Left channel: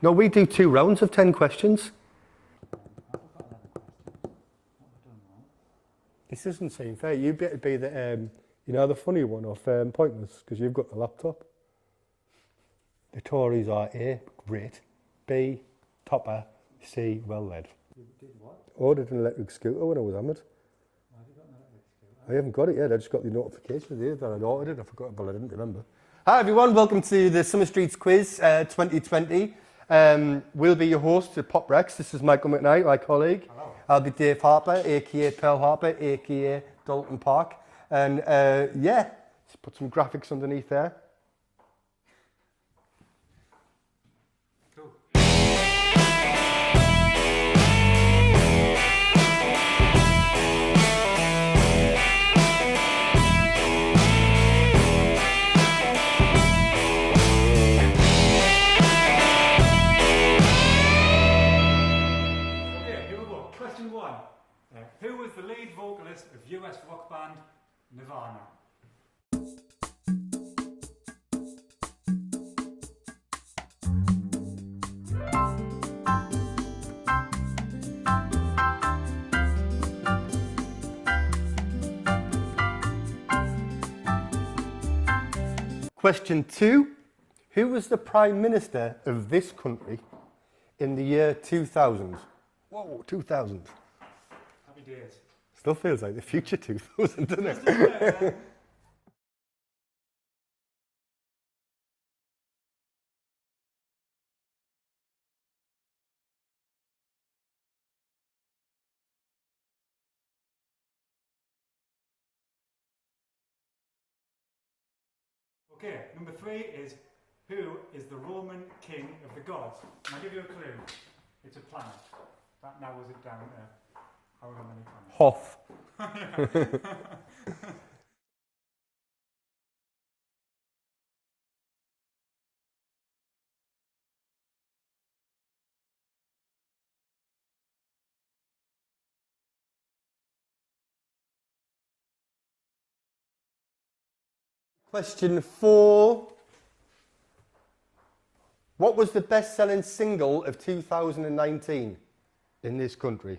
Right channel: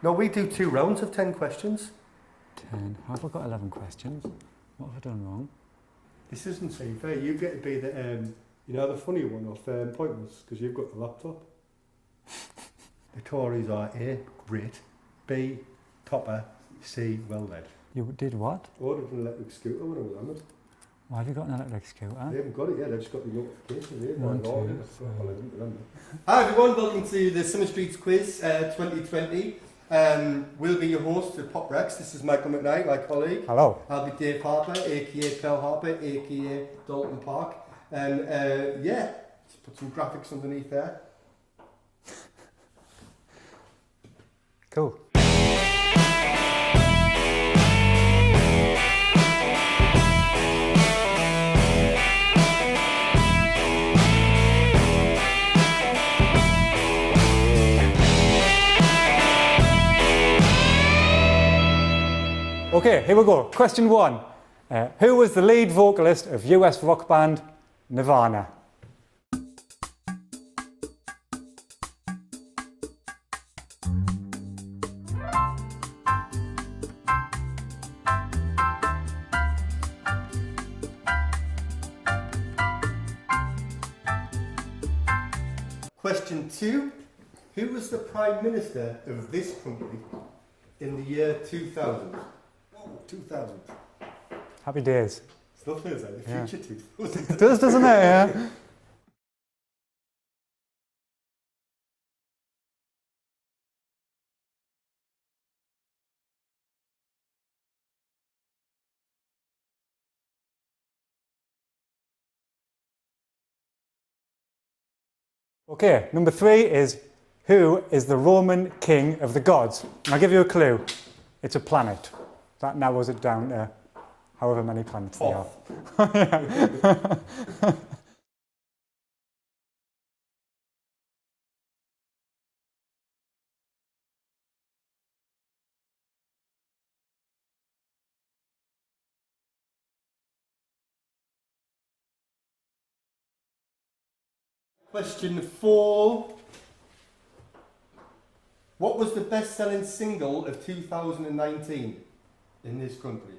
No, we do 2 rounds of 10 questions. 10. Have I got 11 questions? What have I done wrong? This isn't seem fair. You get to be the, you know, the funny one off Pointless, because you've got the laptop. The Tories are A, great, B, topper, C, well led. You did what? I ordered an electric scooter when I was hammered. Why have you got an electric scooter? I haven't got it yet, I just got the notifications here. Oh, I ordered it, I forgot, but I didn't remember. Hi everyone, welcome to the Summer Streets Quiz 2020. We'll be your hosts at Pop Recs. This is Michael McKnight, my colleague. Hello. I'll be Dave Harper, aka Pearl Harper, aka Dalton Park. And yeah, just put some graphics underneath there. Cool. Okay, here we go. Question 1. Who was the lead vocalist of US rock band Nirvana? Question 2. Who was the Prime Minister of this country in the year 2000? Whoa, 2000. Happy days. Still feels like the future 2000. It does, doesn't it? Yeah. Okay, number 3 is, who is the Roman king of the gods? And I'll give you a clue. It's a planet. That narrows it down to however many planets they have. Question 4. What was the best-selling single of 2019 in this country?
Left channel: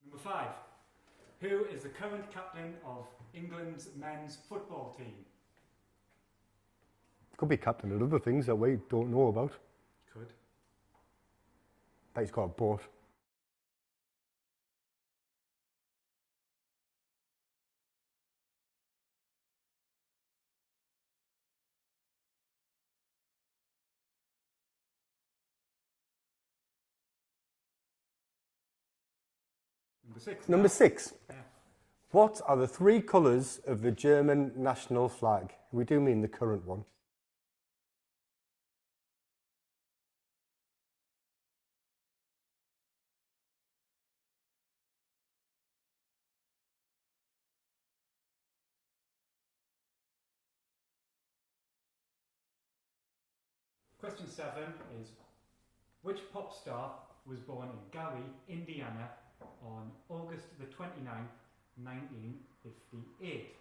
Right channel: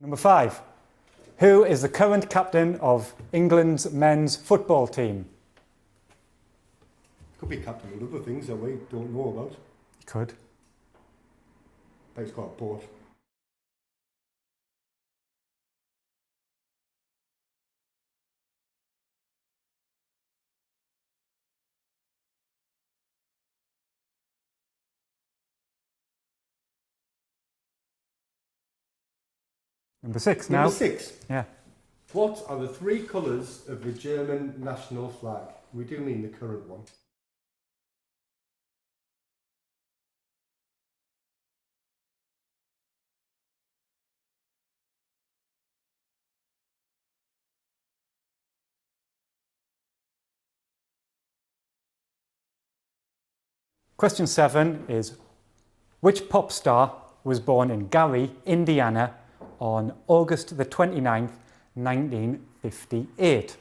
Number 5. Who is the current captain of England's men's football team? Could be captain of other things that we don't know about. He could. But he's got a boat. Number 6 now. Number 6. Yeah. What are the 3 colours of the German national flag? We do mean the current one. Question 7 is, which pop star was born in Gary, Indiana on August the 29th, 1958?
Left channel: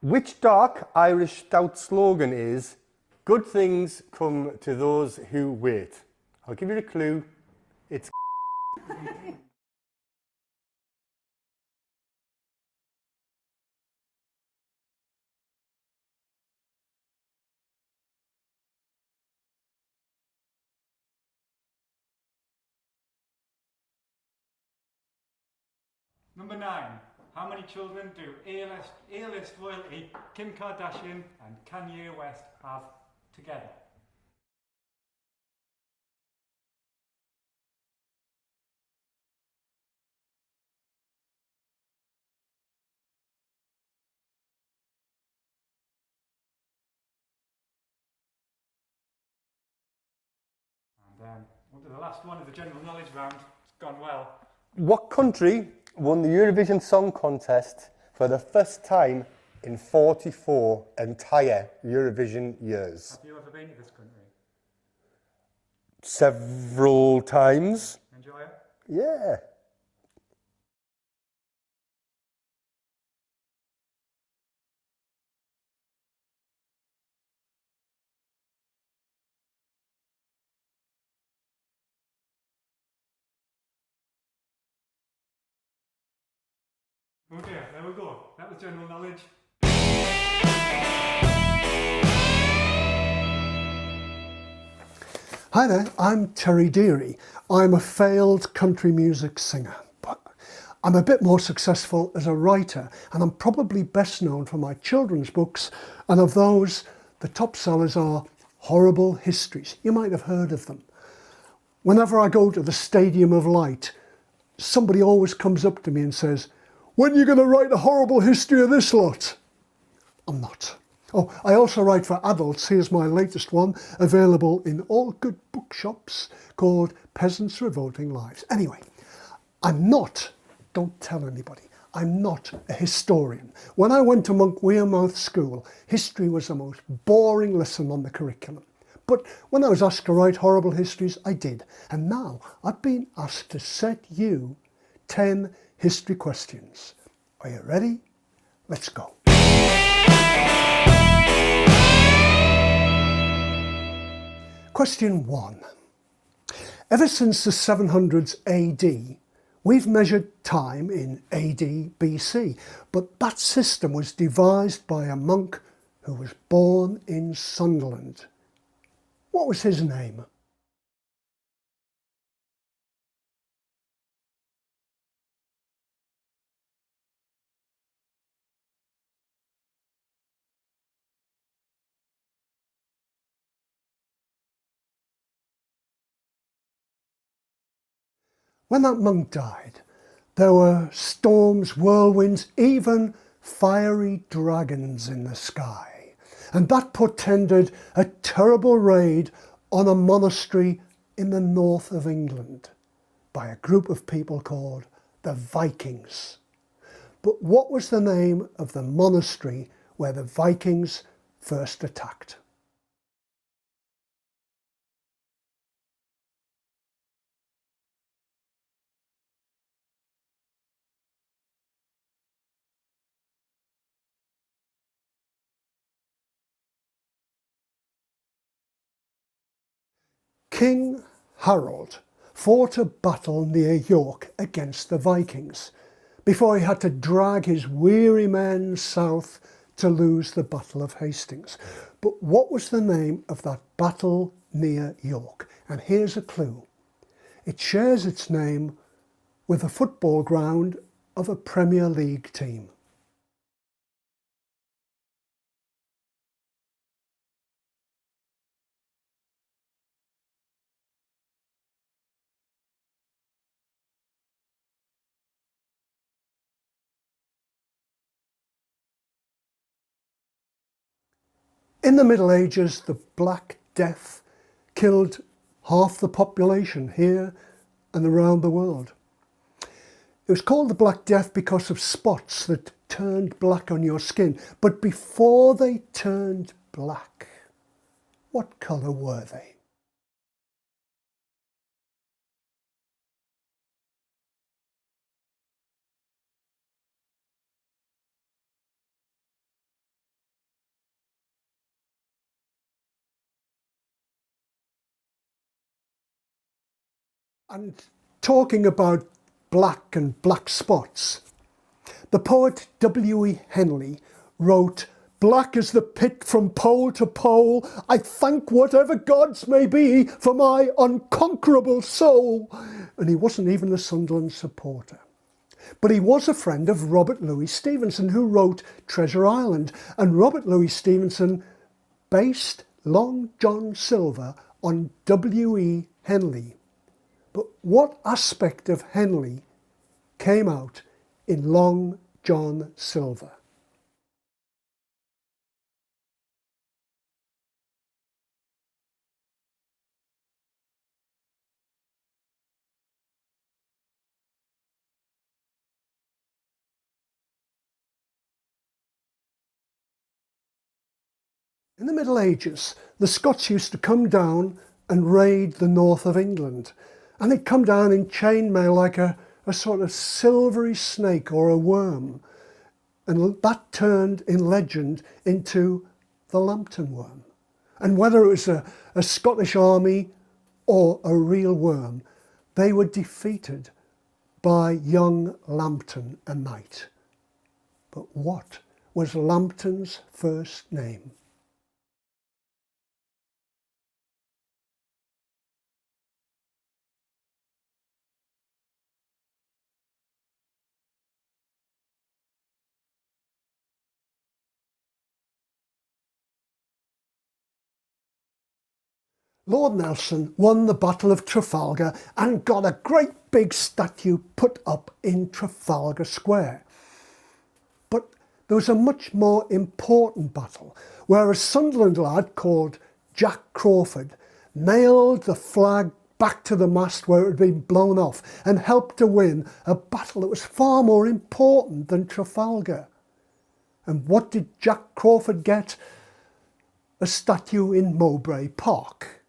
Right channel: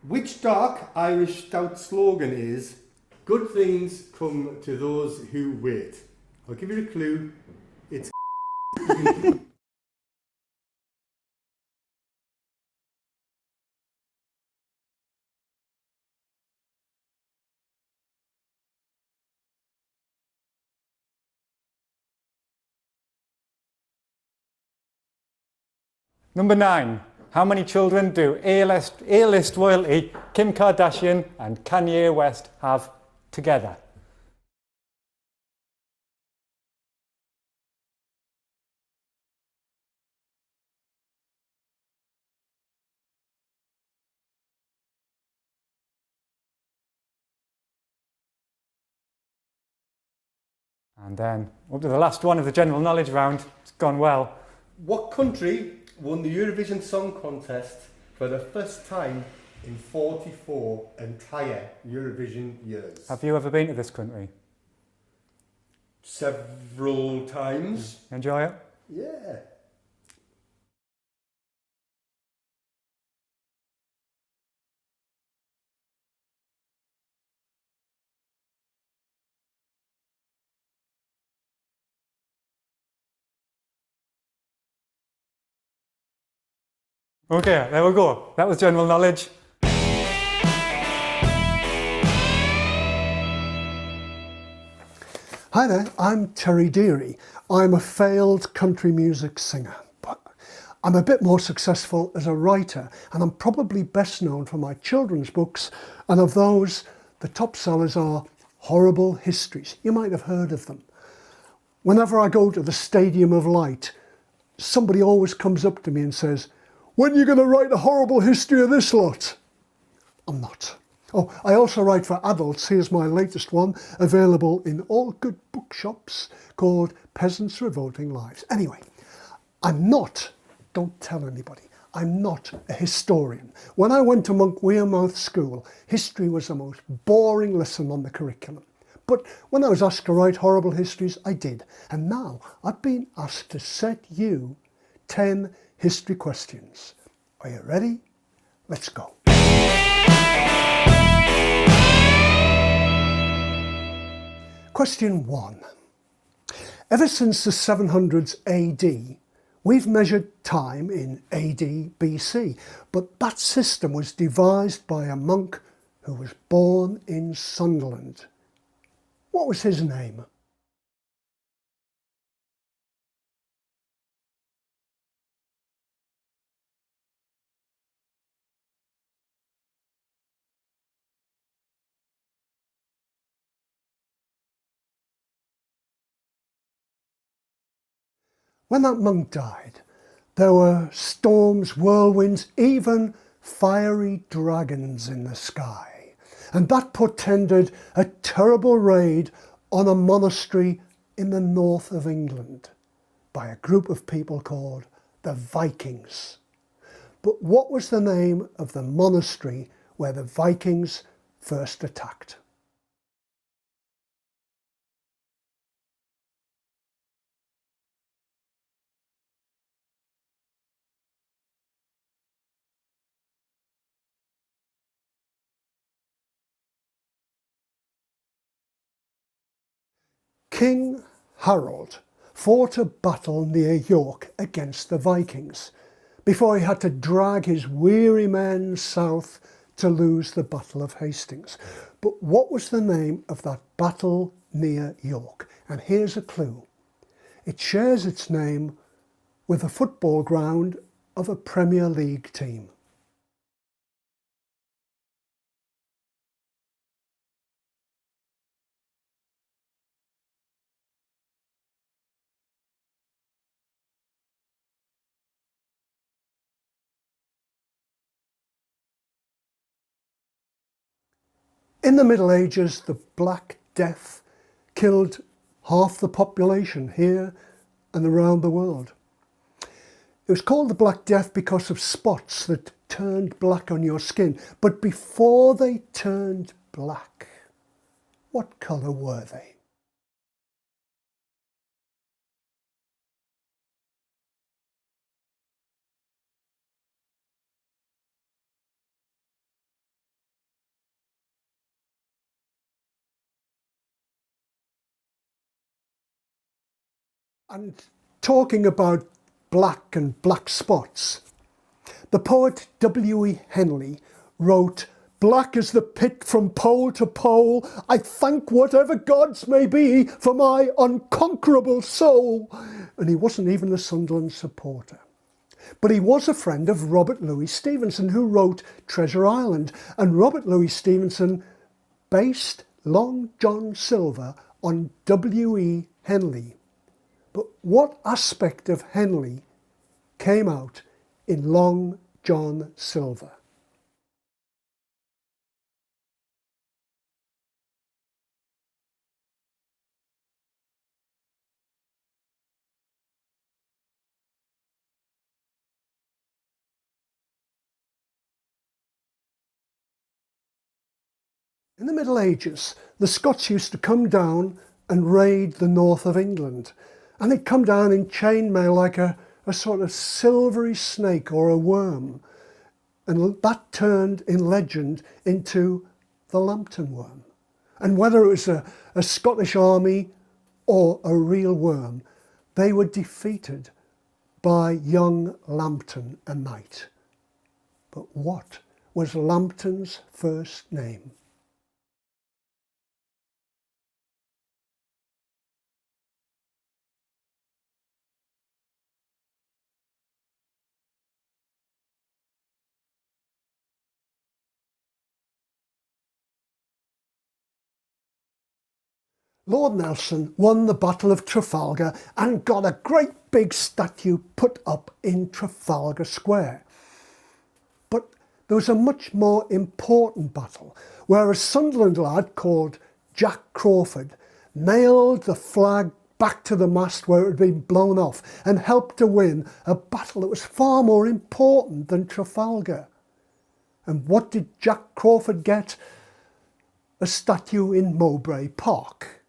Which dark Irish stout slogan is, good things come to those who wait? I'll give you a clue. It's Number 9. How many children do A-list royalty Kim Kardashian and Kanye West have together? And then up to the last one of the general knowledge round. It's gone well. What country won the Eurovision Song Contest for the first time in 44 entire Eurovision years? Have you ever been to this country? Several times. Enjoy it? Yeah. Okay, there we go. That was general knowledge. Hi there, I'm Terry Deary. I'm a failed country music singer, but I'm a bit more successful as a writer, and I'm probably best known for my children's books, and of those, the top sellers are Horrible Histories. You might have heard of them. Whenever I go to the Stadium of Light, somebody always comes up to me and says, "When are you going to write a horrible history of this lot?" I'm not. Oh, I also write for adults. Here's my latest one, available in all good bookshops, called Peasants' Revolting Lives. Anyway, I'm not, don't tell anybody, I'm not a historian. When I went to Monk Wearmouth School, history was the most boring lesson on the curriculum. But when I was asked to write horrible histories, I did. And now I've been asked to set you 10 history questions. Are you ready? Let's go. Question 1. Ever since the 700s AD, we've measured time in AD BC, but that system was devised by a monk who was born in Sunderland. What was his name? When that monk died, there were storms, whirlwinds, even fiery dragons in the sky. And that portended a terrible raid on a monastery in the north of England by a group of people called the Vikings. But what was the name of the monastery where the Vikings first attacked? King Harold fought a battle near York against the Vikings before he had to drag his weary men south to lose the Battle of Hastings. But what was the name of that battle near York? And here's a clue. It shares its name with the football ground of a Premier League team. In the Middle Ages, the Black Death killed half the population here and around the world. It was called the Black Death because of spots that turned black on your skin. But before they turned black, what colour were they? And talking about black and black spots, the poet W.E. Henley wrote, "Black as the pit from pole to pole, I thank whatever gods may be for my unconquerable soul." And he wasn't even a Sunderland supporter. But he was a friend of Robert Louis Stevenson, who wrote Treasure Island. And Robert Louis Stevenson based Long John Silver on W.E. Henley. But what aspect of Henley came out in Long John Silver? In the Middle Ages, the Scots used to come down and raid the north of England. And they'd come down in chainmail like a sort of silvery snake or a worm. And that turned in legend into the LAMBTON worm. And whether it was a Scottish army or a real worm, they were defeated by young Lambton, a knight. But what was Lambton's first name? Lord Nelson won the Battle of Trafalgar and got a great big statue put up in Trafalgar Square. But there was a much more important battle where a Sunderland lad called Jack Crawford nailed the flag back to the mast where it had been blown off and helped to win a battle that was far more important than Trafalgar. And what did Jack Crawford get? A statue in Mowbray Park.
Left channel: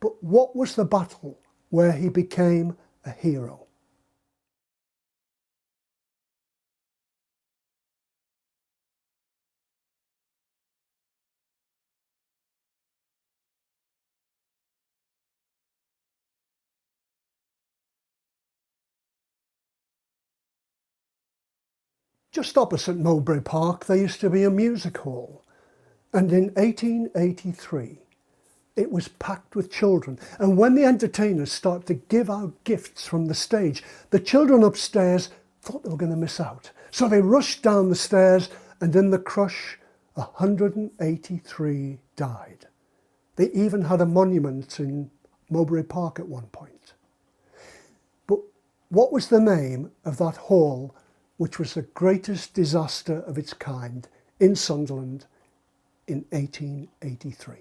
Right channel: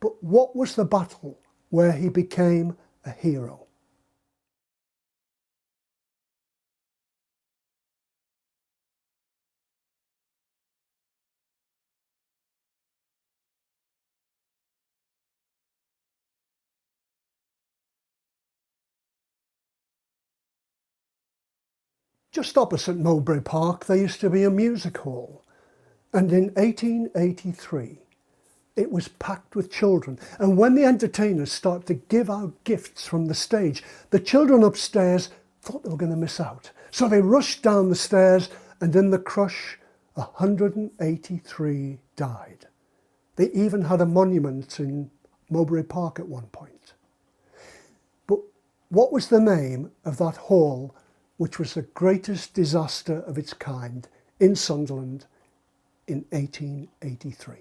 But what was the battle where he became a hero? Just opposite Mowbray Park, there used to be a music hall. And in 1883, it was packed with children. And when the entertainers started to give out gifts from the stage, the children upstairs thought they were going to miss out. So they rushed down the stairs, and in the crush, 183 died. They even had a monument in Mowbray Park at one point. But what was the name of that hall which was the greatest disaster of its kind in Sunderland in 1883?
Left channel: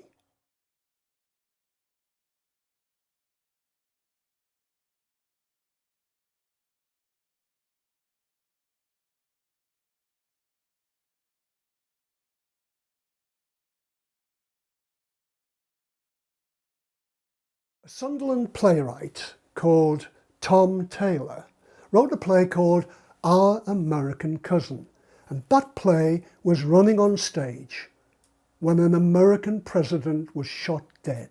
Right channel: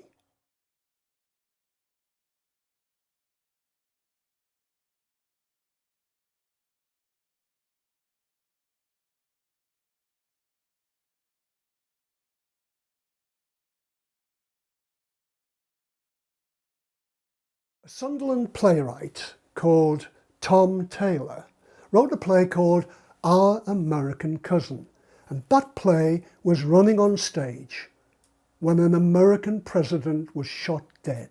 A Sunderland playwright called Tom Taylor wrote a play called Our American Cousin, and that play was running on stage when an American president was shot dead.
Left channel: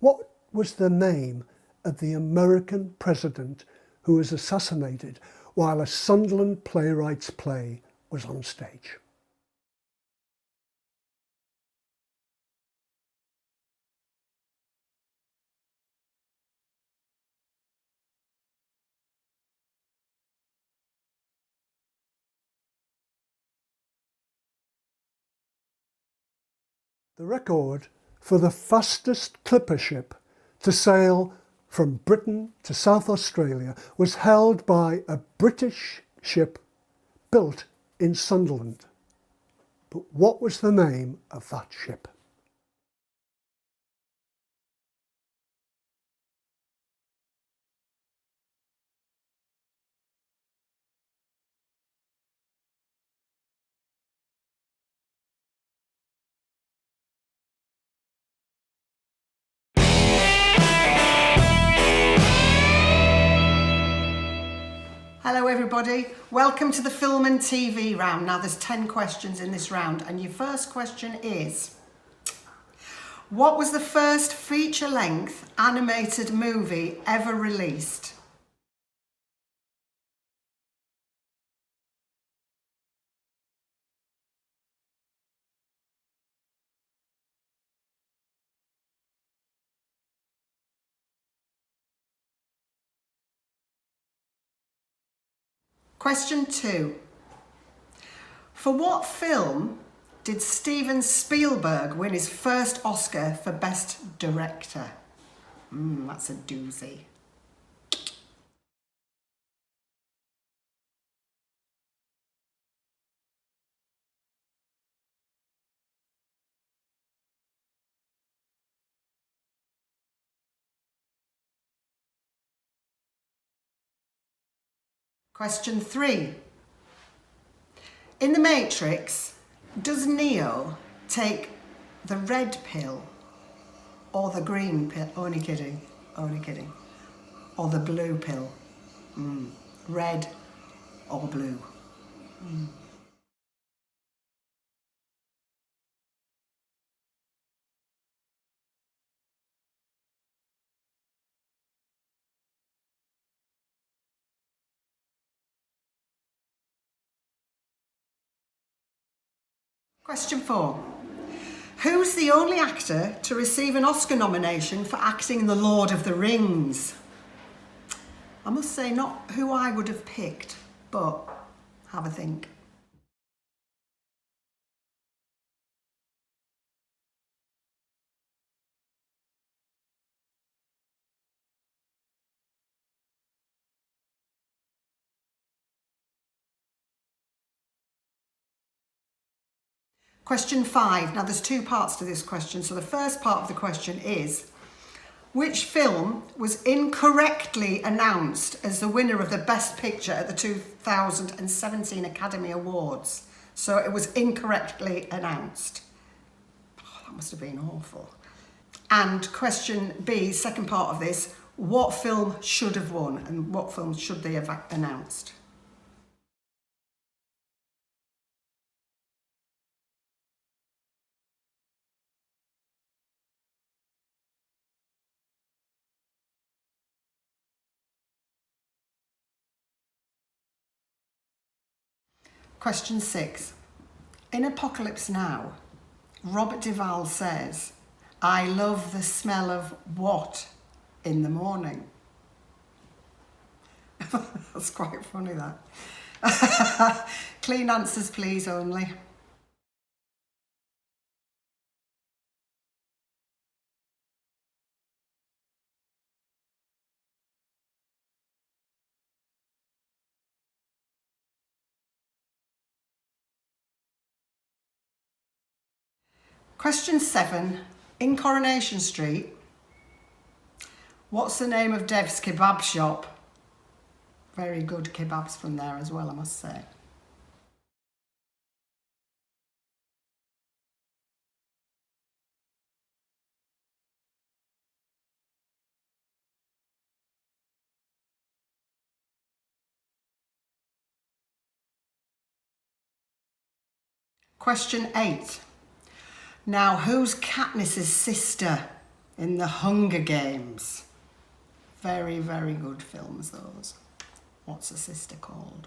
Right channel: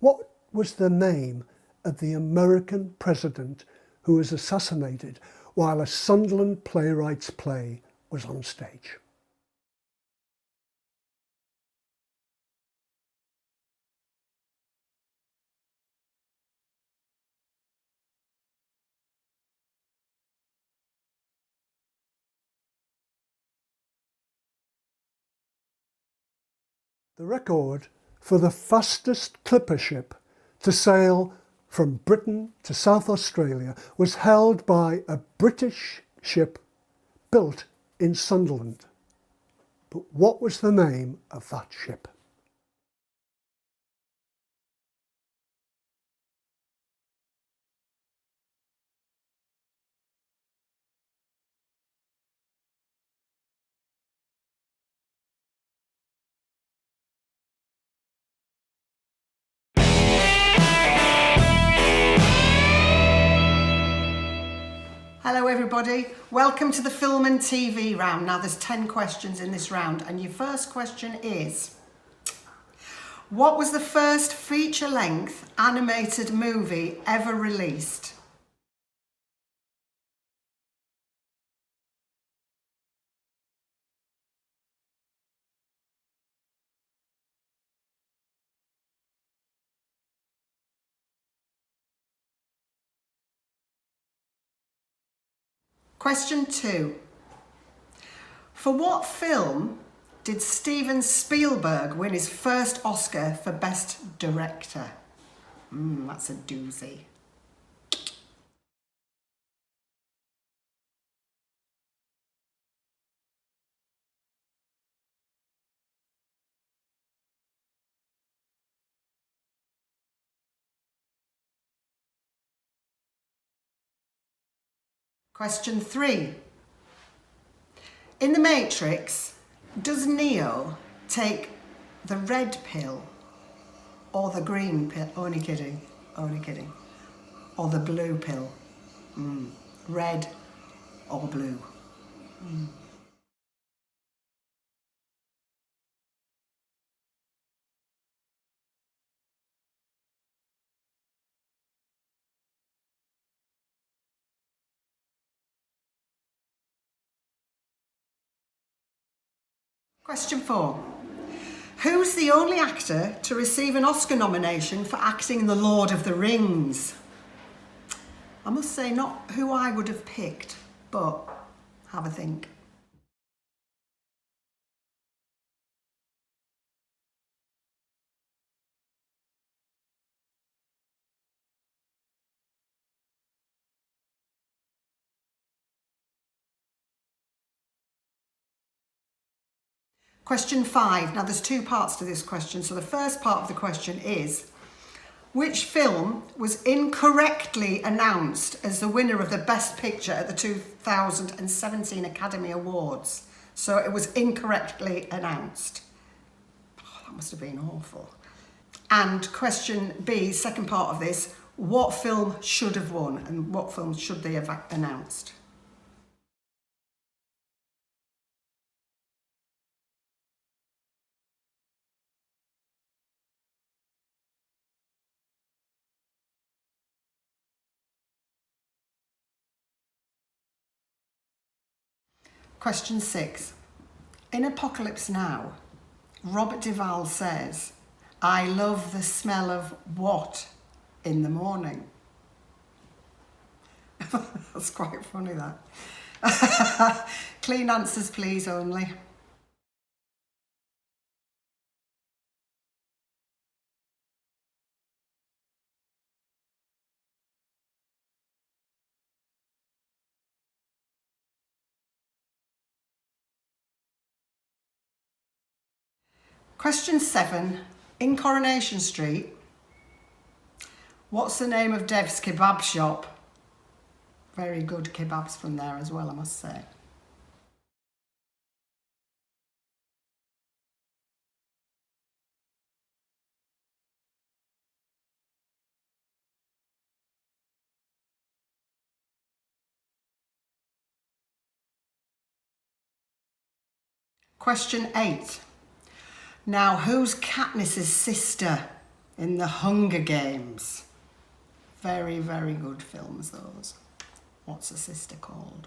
What was the name of the American president who was assassinated while a Sunderland playwright's play was on stage? The record for the fastest clipper ship to sail from Britain to South Australia was held by a British ship built in Sunderland. But what was the name of that ship? Hello everybody, welcome to the film and TV round. Now there's 10 questions in this round and your first question is, what was the first feature-length animated movie ever released? Question 2. For what film did Steven Spielberg win his first Oscar for Best Director? That's a doozy. Question 3. In The Matrix, does Neo take the red pill or the green pill? Only kidding, only kidding. Or the blue pill? Red or blue? Question 4. Who's the only actor to receive an Oscar nomination for acting in The Lord of the Rings? I must say, not who I would have picked, but have a think. Question 5. Now there's 2 parts to this question. So the first part of the question is, which film was incorrectly announced as the winner of the Best Picture at the 2017 Academy Awards? So it was incorrectly announced. Oh, that must have been awful. And question B, second part of this, what film should have won and what film should they have announced? Question 6. In Apocalypse Now, Robert Duvall says, I love the smell of what in the morning? That's quite funny, that. Clean answers, please, only. Question 7. In Coronation Street, what's the name of Dev's kebab shop? Very good kebabs from there as well, I must say. Question 8. Now, who's Katniss's sister in The Hunger Games? Very, very good films, those. What's her sister called?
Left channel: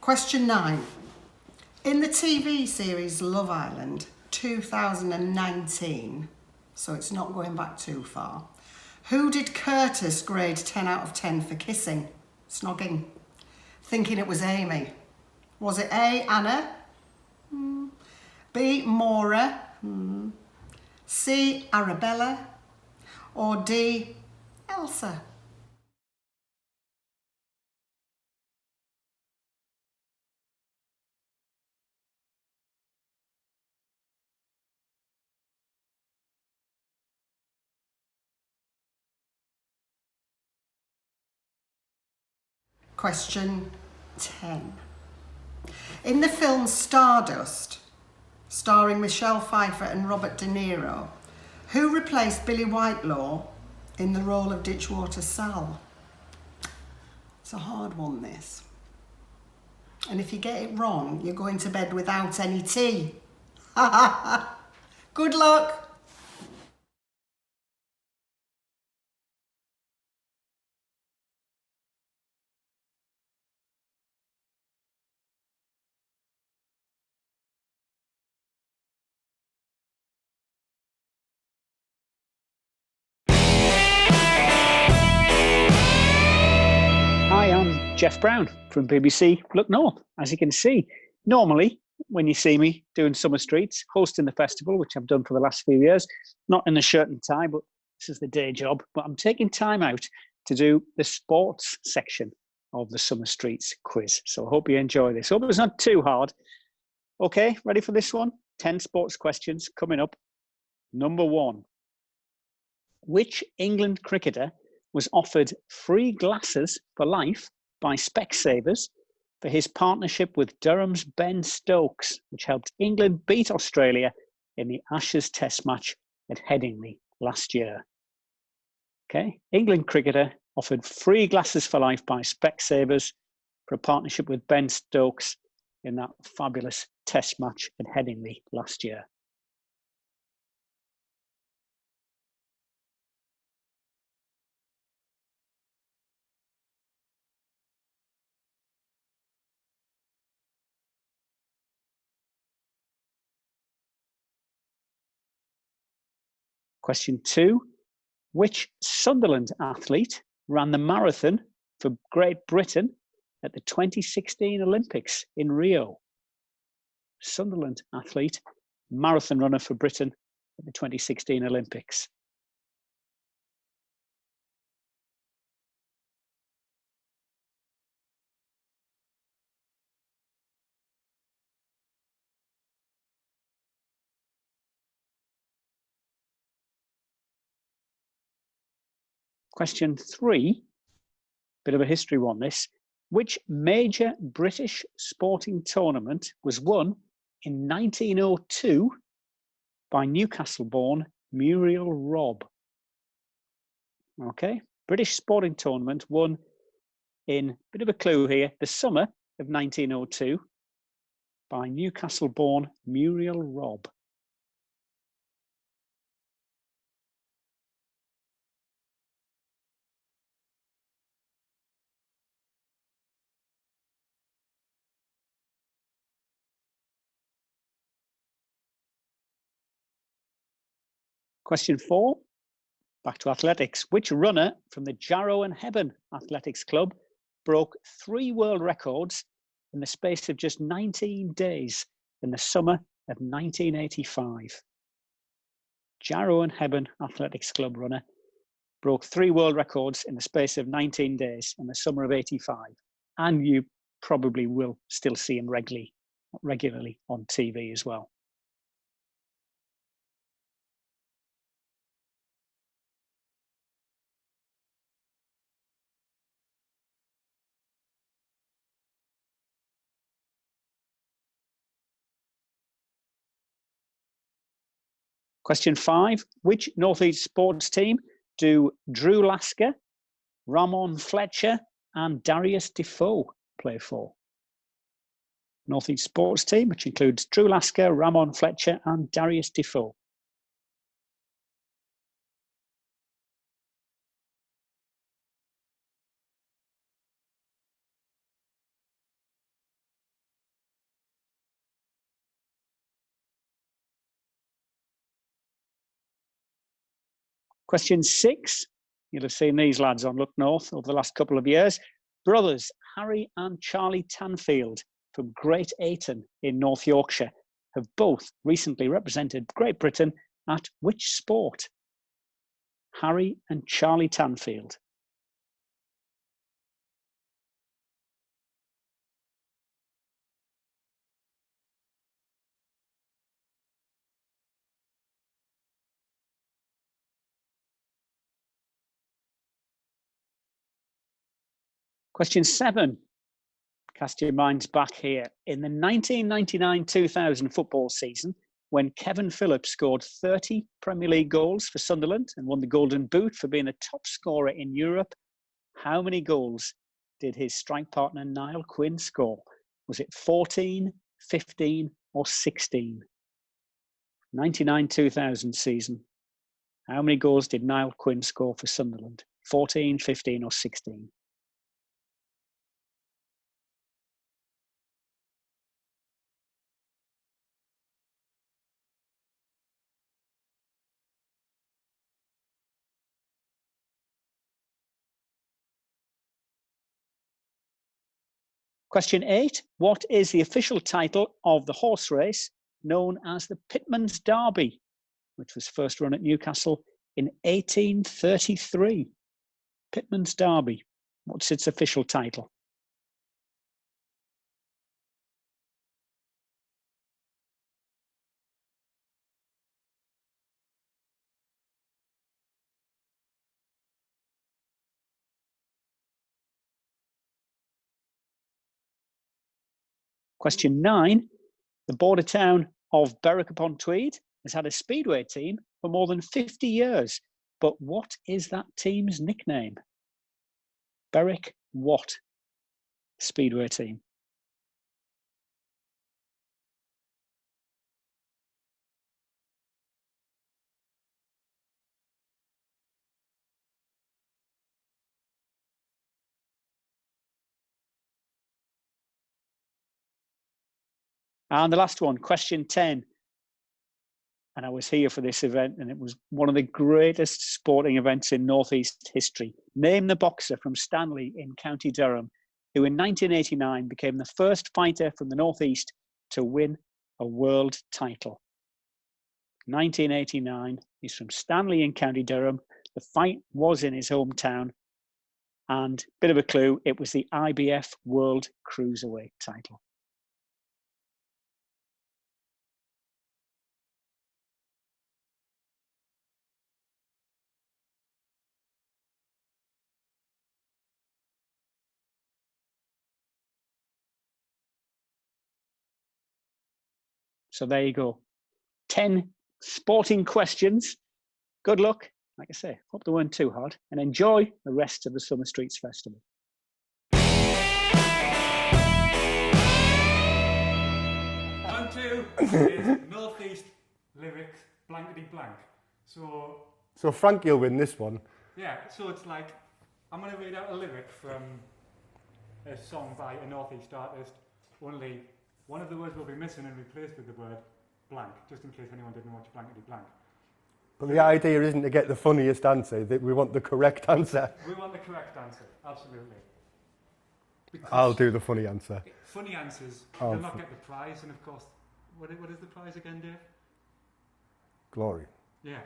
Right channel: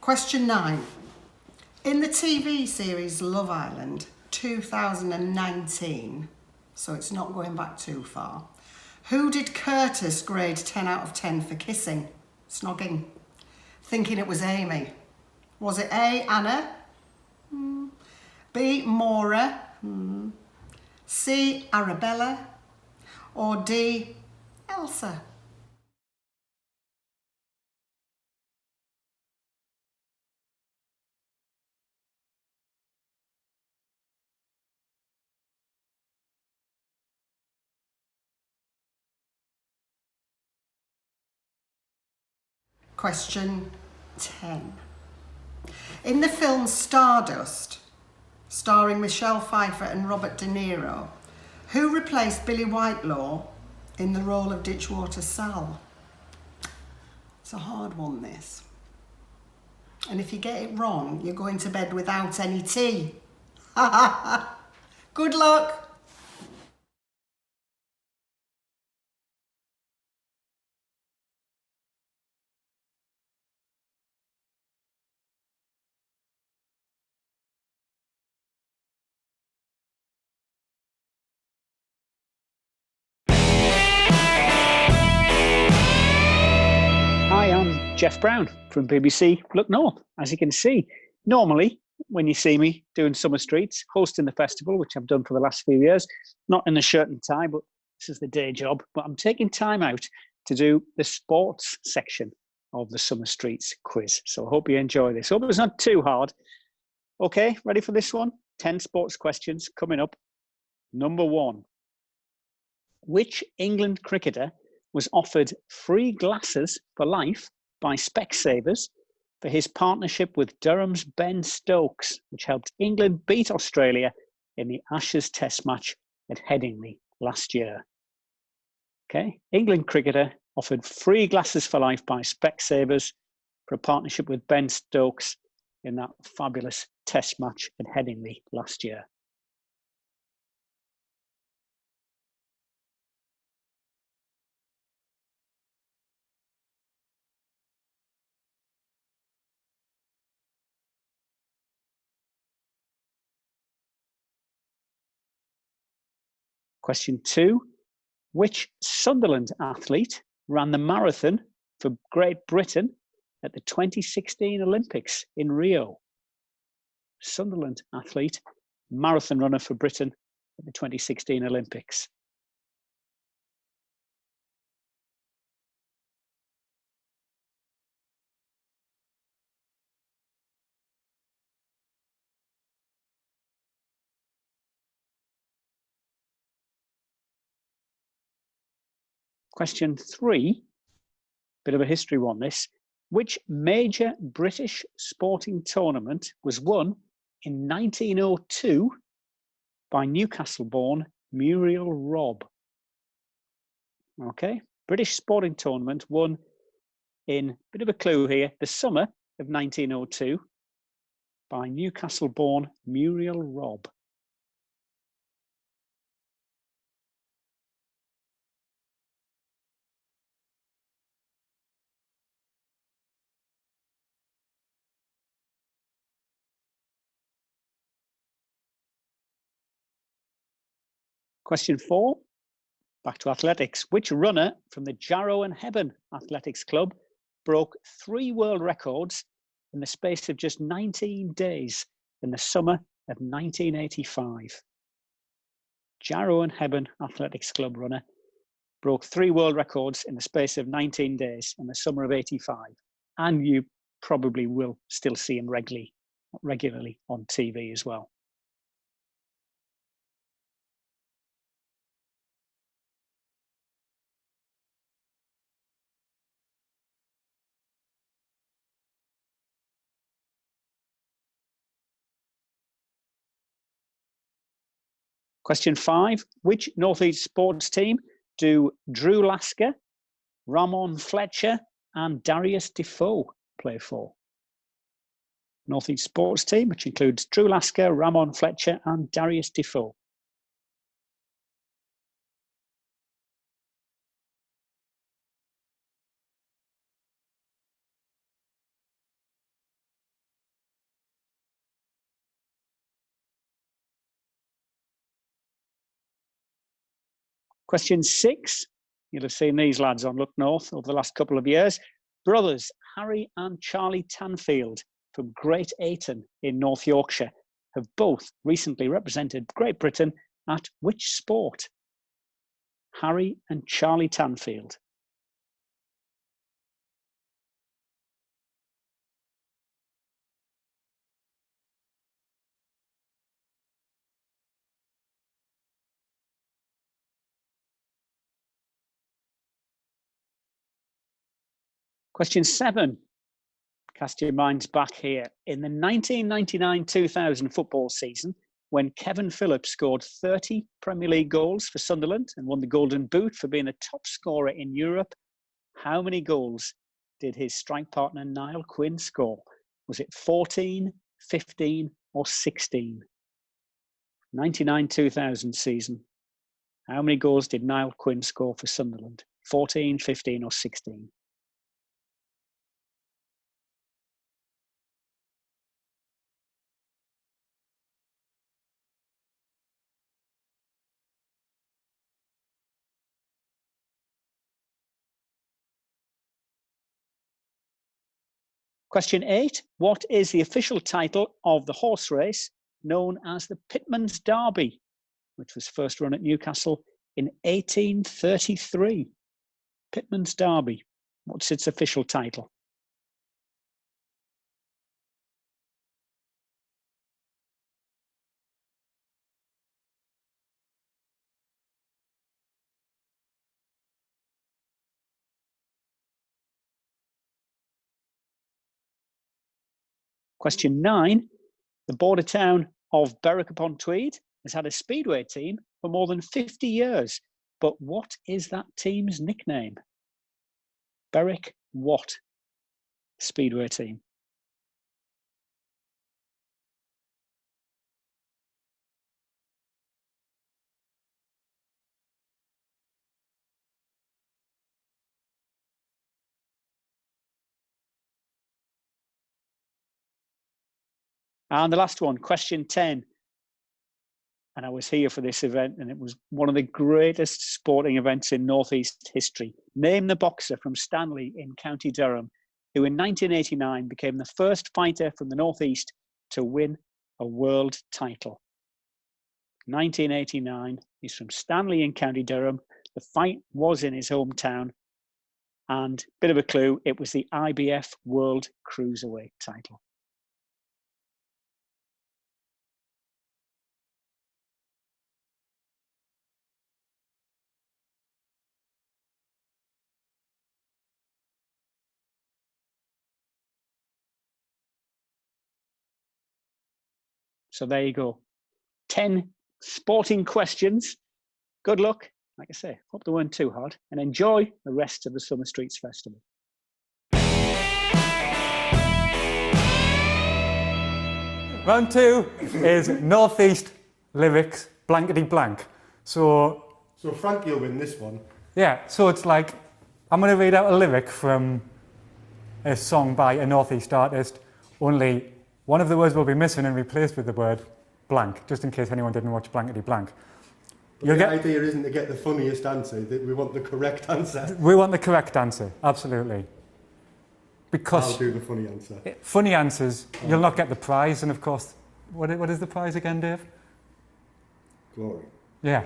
Question 9. In the TV series Love Island 2019, so it's not going back too far, who did Curtis grade 10 out of 10 for kissing, snogging, thinking it was Amy? Was it A, Anna? B, Maura? C, Arabella? Or D, Elsa? Question 10. In the film Stardust, starring Michelle Pfeiffer and Robert De Niro, who replaced Billy Whitelaw in the role of Ditchwater Sal? It's a hard one, this. And if you get it wrong, you're going to bed without any tea. Good luck. Hi, I'm Jeff Brown from BBC Look North. As you can see, normally when you see me doing Summer Streets, hosting the festival, which I've done for the last few years, not in a shirt and tie, but this is the day job. But I'm taking time out to do the sports section of the Summer Streets quiz. So I hope you enjoy this. Hope it's not too hard. Okay, ready for this one? 10 sports questions coming up. Number 1. Which England cricketer was offered free glasses for life by Specsavers for his partnership with Durham's Ben Stokes, which helped England beat Australia in the Ashes Test match at Headingley last year? Okay, England cricketer offered free glasses for life by Specsavers for a partnership with Ben Stokes in that fabulous Test match at Headingley last year. Question 2. Which Sunderland athlete ran the marathon for Great Britain at the 2016 Olympics in Rio? Sunderland athlete, marathon runner for Britain at the 2016 Olympics. Question 3, bit of a history one this. Which major British sporting tournament was won in 1902 by Newcastle-born Muriel Robb? Okay, British sporting tournament won in, bit of a clue here, the summer of 1902 by Newcastle-born Muriel Robb. Question 4, back to athletics. Which runner from the Jarrow and Hebburn Athletics Club broke 3 world records in the space of just 19 days in the summer of 1985? Jarrow and Hebburn Athletics Club runner broke 3 world records in the space of 19 days in the summer of 85. And you probably will still see him regularly on TV as well. Question 5, which North East sports team do Drew Lasker, Ramon Fletcher and Darius Defoe play for? North East sports team, which includes Drew Lasker, Ramon Fletcher and Darius Defoe. Question 6, you'll have seen these lads on Look North over the last couple of years. Brothers Harry and Charlie Tanfield from Great Ayton in North Yorkshire have both recently represented Great Britain at which sport? Harry and Charlie Tanfield. Question 7, cast your minds back here. In the 1999-2000 football season, when Kevin Phillips scored 30 Premier League goals for Sunderland and won the Golden Boot for being the top scorer in Europe, how many goals did his strike partner Niall Quinn score? Was it 14, 15 or 16? 99-2000 season. How many goals did Niall Quinn score for Sunderland? 14, 15 or 16? Question 8, what is the official title of the horse race known as the Pitman's Derby, which was first run at Newcastle in 1833? Pitman's Derby, what's its official title? Question 9. The border town of Berwick-upon-Tweed has had a speedway team for more than 50 years. But what is that team's nickname? Berwick what? Speedway team. And the last one, question 10. And I was here for this event, and it was one of the greatest sporting events in North East history. Name the boxer from Stanley in County Durham, who in 1989 became the first fighter from the North East to win a world title. 1989, he's from Stanley in County Durham. The fight was in his hometown. And bit of a clue, it was the IBF World Cruiserweight title. So there you go. 10 sporting questions. Good luck. Like I say, hope they weren't too hard, and enjoy the rest of the Summer Streets Festival. Round 2 is Northeast lyrics, blankety blank. So Frankie will win this one. yeah, so it's like, I'm going to read out a lyric from a song by a Northeast artist, only one of the words will be missing and replaced with the word blank, just in case anyone didn't watch Blankety Blank. But the idea isn't to get the funniest answer, that we want the correct answer. We want the correct answer, absolutely. Because I'll do the funny answer. funny answers, you'll not get the prize, and of course, what is the prize again, Dave? Glory. Yeah.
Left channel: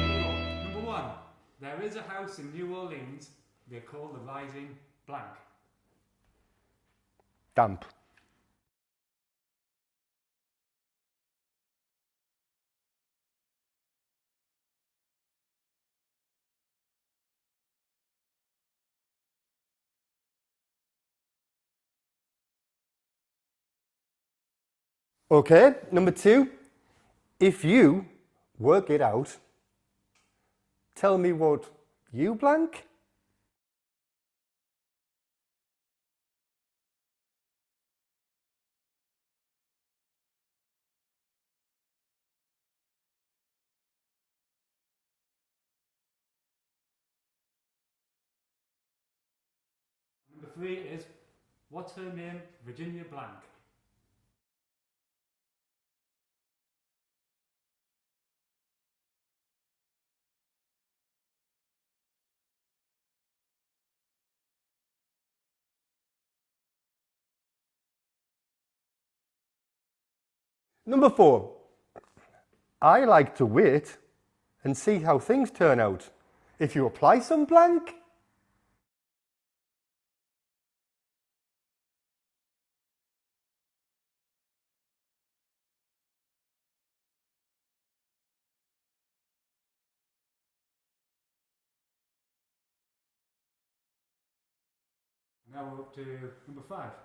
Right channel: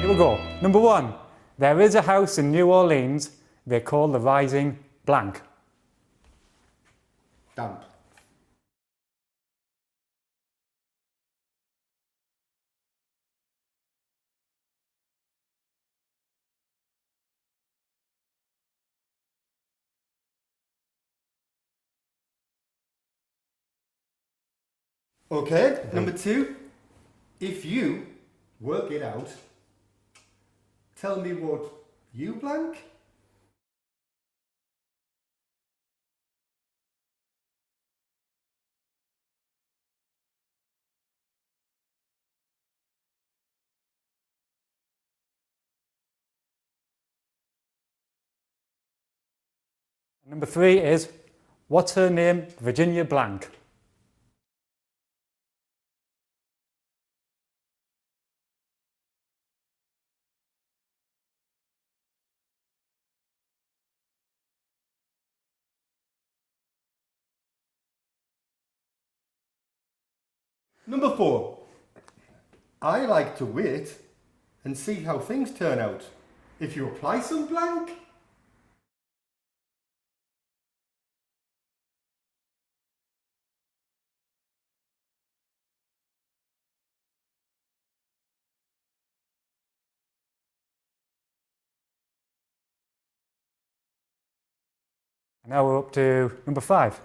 Here we go. Number 1. There is a house in New Orleans they call the Rising blank. Damp. Okay, number 2. If you work it out, tell me what you blank? Number 3 is, what's her name? Virginia blank. Number 4. I like to wait and see how things turn out. If you apply some blank, Now we're up to number 5.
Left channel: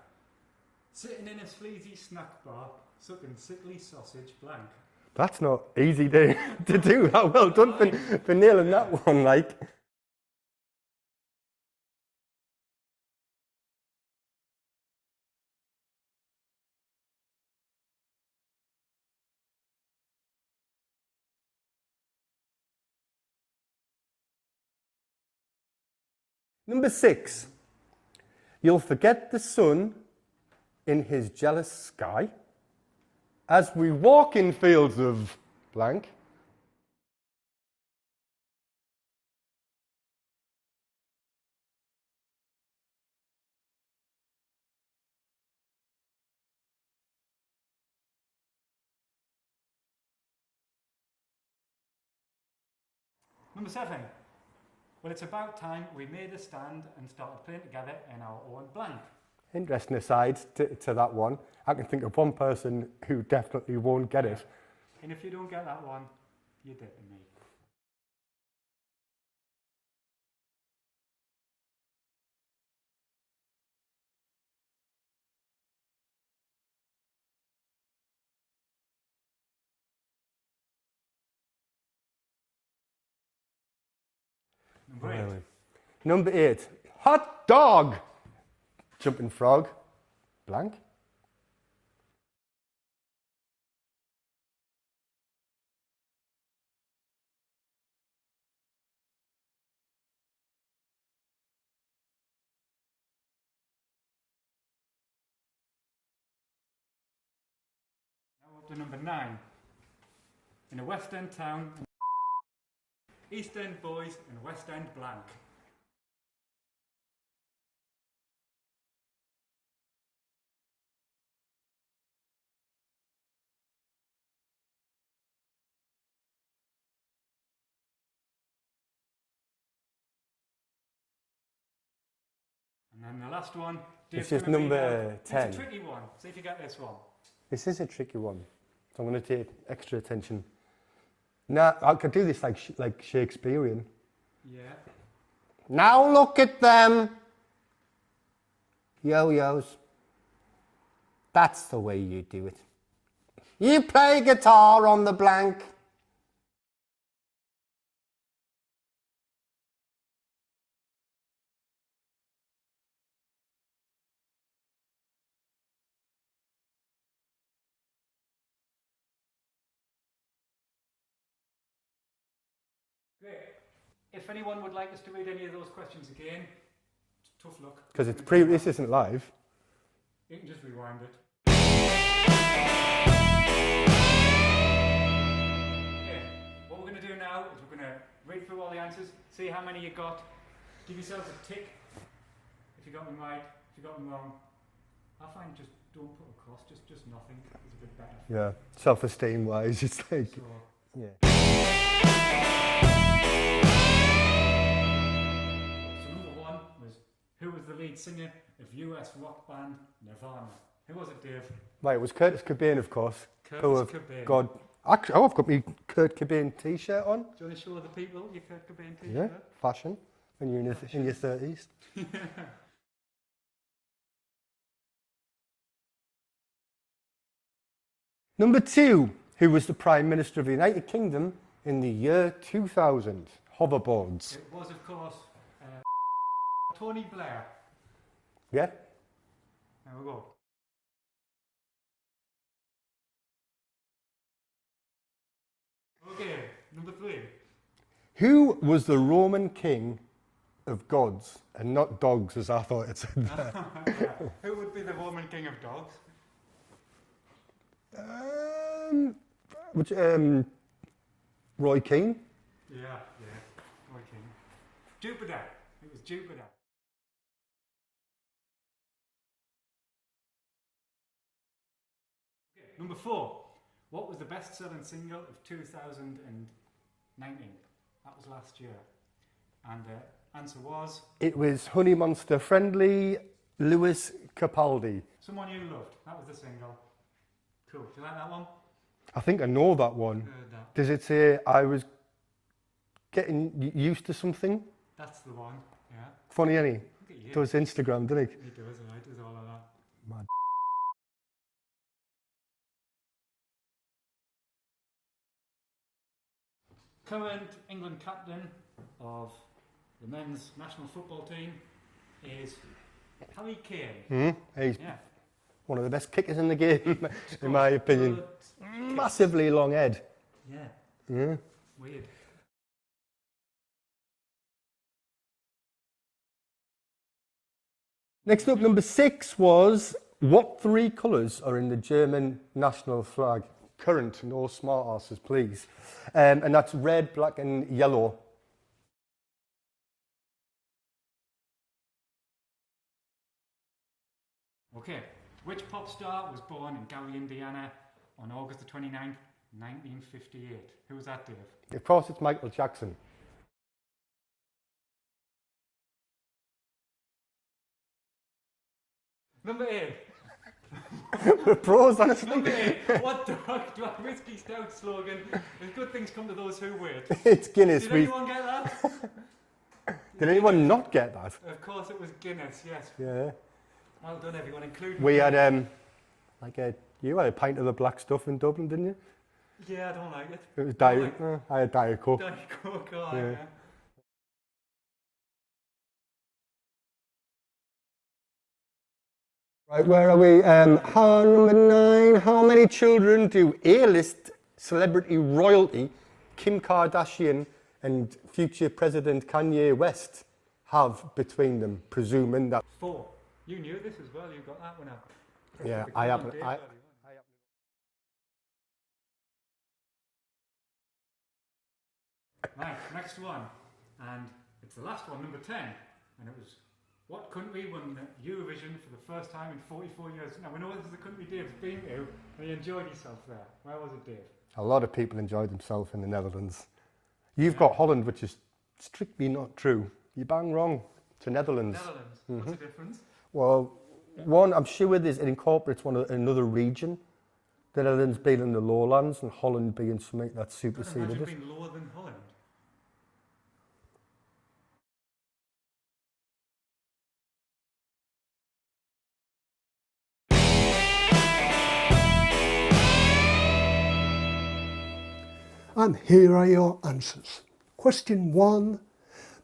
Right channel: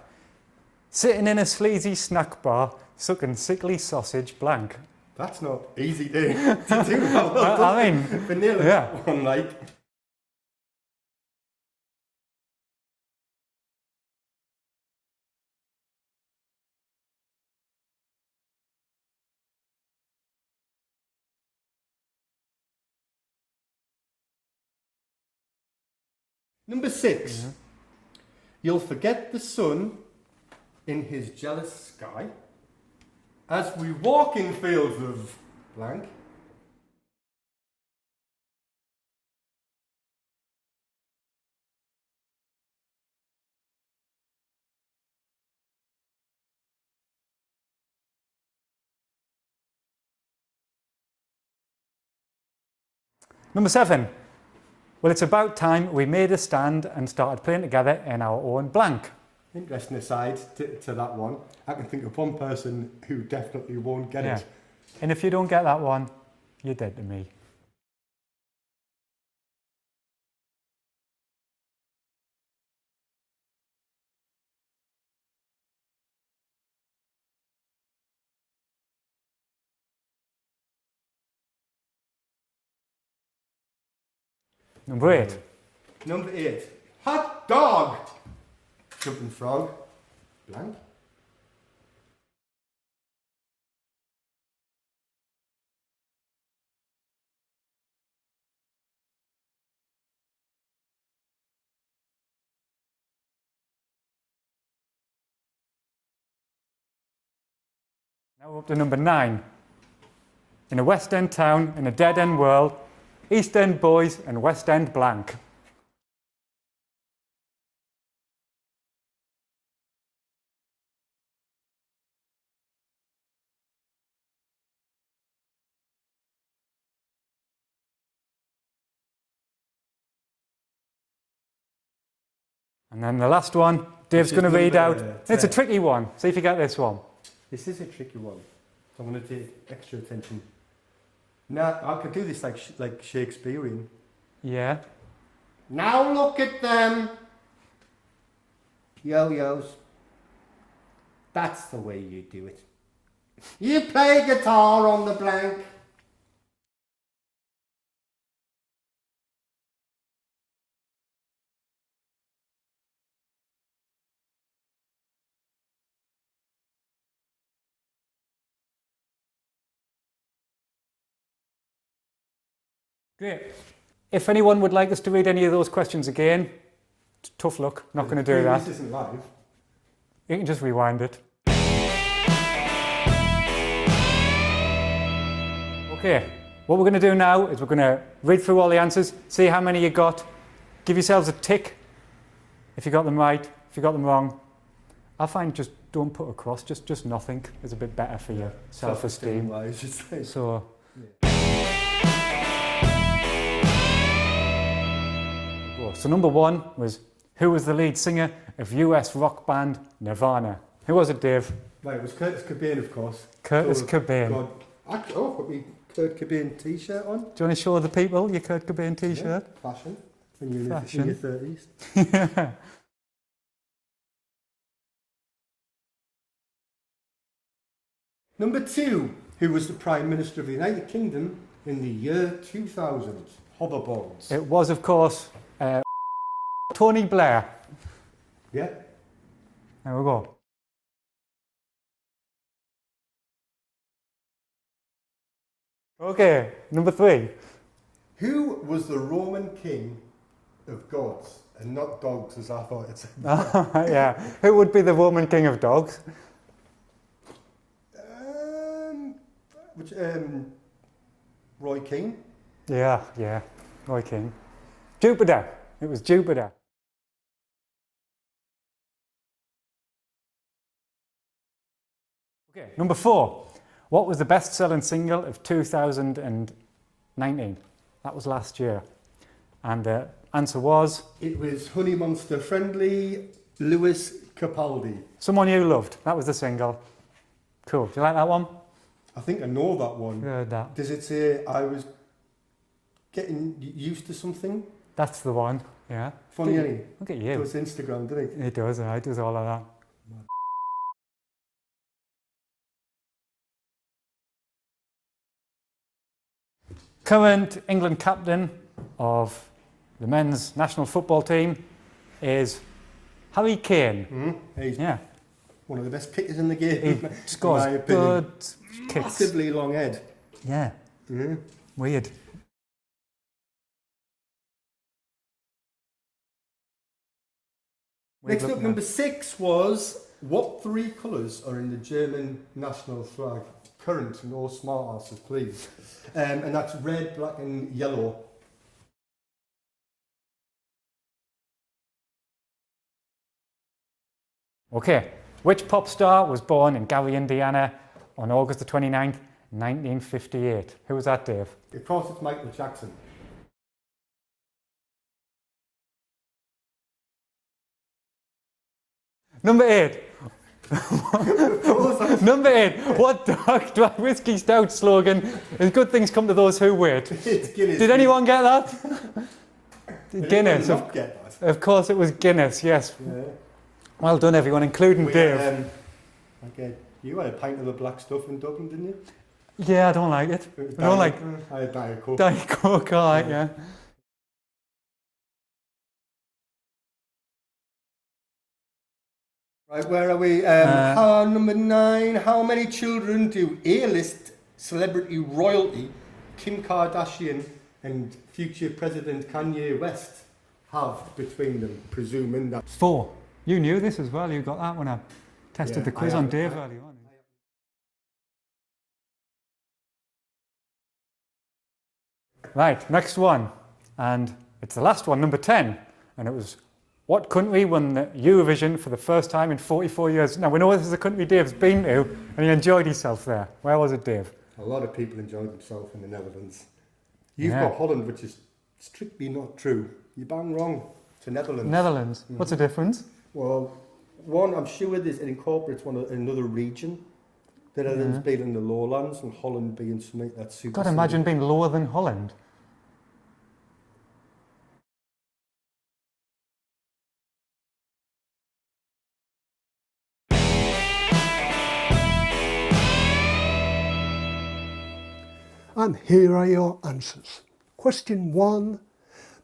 Sitting in a sleazy snack bar, sucking sickly sausage blank. that's not easy to do. Well done I mean, for nailing yeah. that one, like. Number 6. You'll forget the sun in his jealous sky as we walk in fields of blank. Number 7. Well, it's about time we made a stand and started playing together in our own blank. Interesting aside to that one, I can think of one person who definitely won't get it. And if you don't get that one, you're dead to me. Number 8. Number 8. Hot dog. Jumping frog. Blank. Now we're up to number 9. In a West End town, in a dead end world, East End boys and West End blank. And then the last one, Dave's going to read out. It's a tricky one. See if you get this one. This is a tricky one, so I'm going to take extra attention. Now, I could do this like Shakespearean. Yeah. Now look at them. Yo-yos. That's the way you do it. You play guitar on the blank. Great. If anyone would like us to read any of those questions again, tough luck, not going to do that. This isn't live. You can just rewind it. Okay, what we're going to do now is we're going to read through all the answers, see how many you got, give yourselves a tick if you got them right, if you got them wrong. I find just don't put a cross, just nothing is a bit better for you. Self-esteem wise, it's like. So, So number 1 was, who was the lead singer of US rock band Nirvana? Who was it, Dave? Right, it was Curtis Cobain, of course. Curtis Cobain. God. Actually, I've got my Kurt Cobain t-shirt on. Do you want to show the people your Kurt Cobain t-shirt? Yeah, fashion. When you're in your 30s. Number 2, who was the Prime Minister of the United Kingdom in the year 2000? Hoverboards. It was, of course, Tony Blair. Yeah. There we go. Okay, number 3. Who was the Roman king of gods and not dogs, as I thought it said? Yeah. Who would be the Roman king of dogs? Roy Keane? Yeah, Roy King. Jupiter. It was Jupiter. Okay, number 4. What was the best-selling single of 2019? That was last year. And the answer was? It was Honey Monster Friendly, Lewis Capaldi. Someone You Loved. That was the single. Cool. Do you like that one? I think I know that one. Heard that. Does it say I was getting used to something? That's the one, yeah. Funny, any? Look at you. Does Instagram, doesn't it? It does, it does all of that. Mad. Current England captain of the men's national football team is Harry Kane. He's Yeah. one of the best kickers in the game, He in scores my opinion. good kicks. Massively long head. Yeah. Weird. Next up, number 6 was, what 3 colours are in the German national flag? Current, no smart asses, please. And that's red, black and yellow. Okay. Which pop star was born in Gary, Indiana on August the 29th, 1958? Who was that, Dave? Of course, it's Michael Jackson. Number 8. Number 8. What dark dry whiskey stout slogan is good things come to those who wait? It's Guinness. Did anyone get that? Did anyone not get that? Of course it was Guinness, yes. Yeah. Well done everyone, including We Dave. had, you had a pint of the black stuff in Dublin, didn't you? Yeah, I don't like it. It was I don't Diet, like I had Diet Coke. Diet Coke, all right, yeah. Right, where are we? Number 9. How many children do A-list celebrity royalty Kim Kardashian and future President Kanye West have between them, presuming that... 4. You knew this as well. You got that when I tested the quiz on Dave earlier on. Right, next one. And it's the last one, number 10. And it was, what country won the Eurovision for the first time in 44 years? Now, we know this is a country Dave's been to, and he enjoyed himself there. Where was it, Dave? A lot of people enjoyed themselves in the Netherlands. You've got Holland, which is strictly not true. You're bang wrong. To Netherlands. Netherlands. Mm-hmm. What's the difference? Well, one, I'm sure it incorporates another region. The Netherlands being in the lowlands and Holland being something that's super... God, imagine being lower than Holland. And here are your answers. Question 1.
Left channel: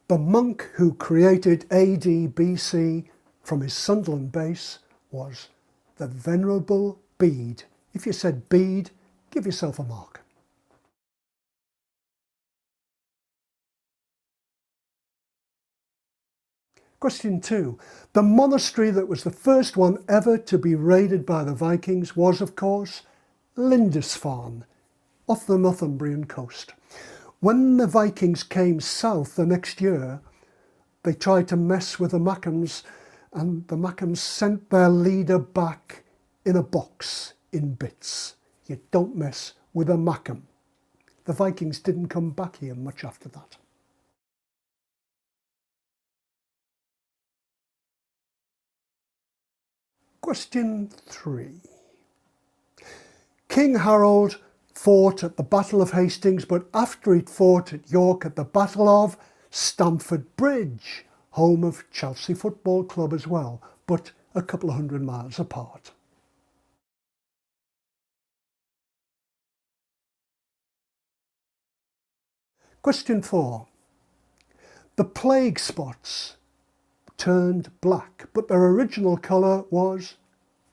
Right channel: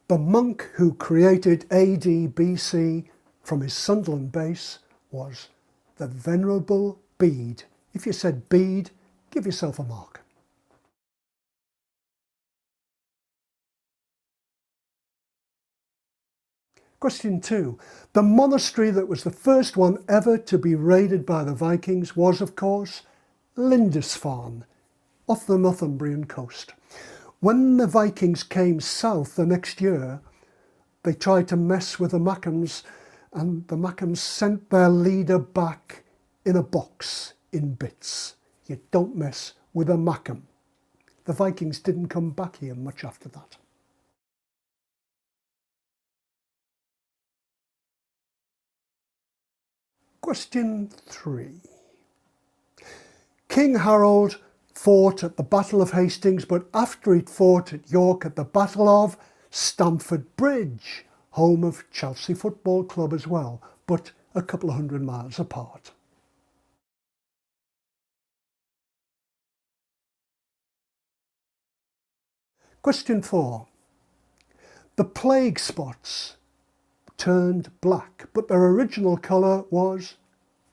The monk who created AD/BC from his Sunderland base was the Venerable Bede. If you said Bede, give yourself a mark. Question 2. The monastery that was the first one ever to be raided by the Vikings was, of course, Lindisfarne, off the Northumbrian coast. When the Vikings came south the next year, they tried to mess with the Mackhams, and the Mackhams sent their leader back in a box in bits. You don't mess with a Mackham. The Vikings didn't come back here much after that. Question 3. King Harold fought at the Battle of Hastings, but after he'd fought at York at the Battle of Stamford Bridge, home of Chelsea Football Club as well, but a couple of 100 miles apart. Question 4. The plague spots turned black, but their original colour was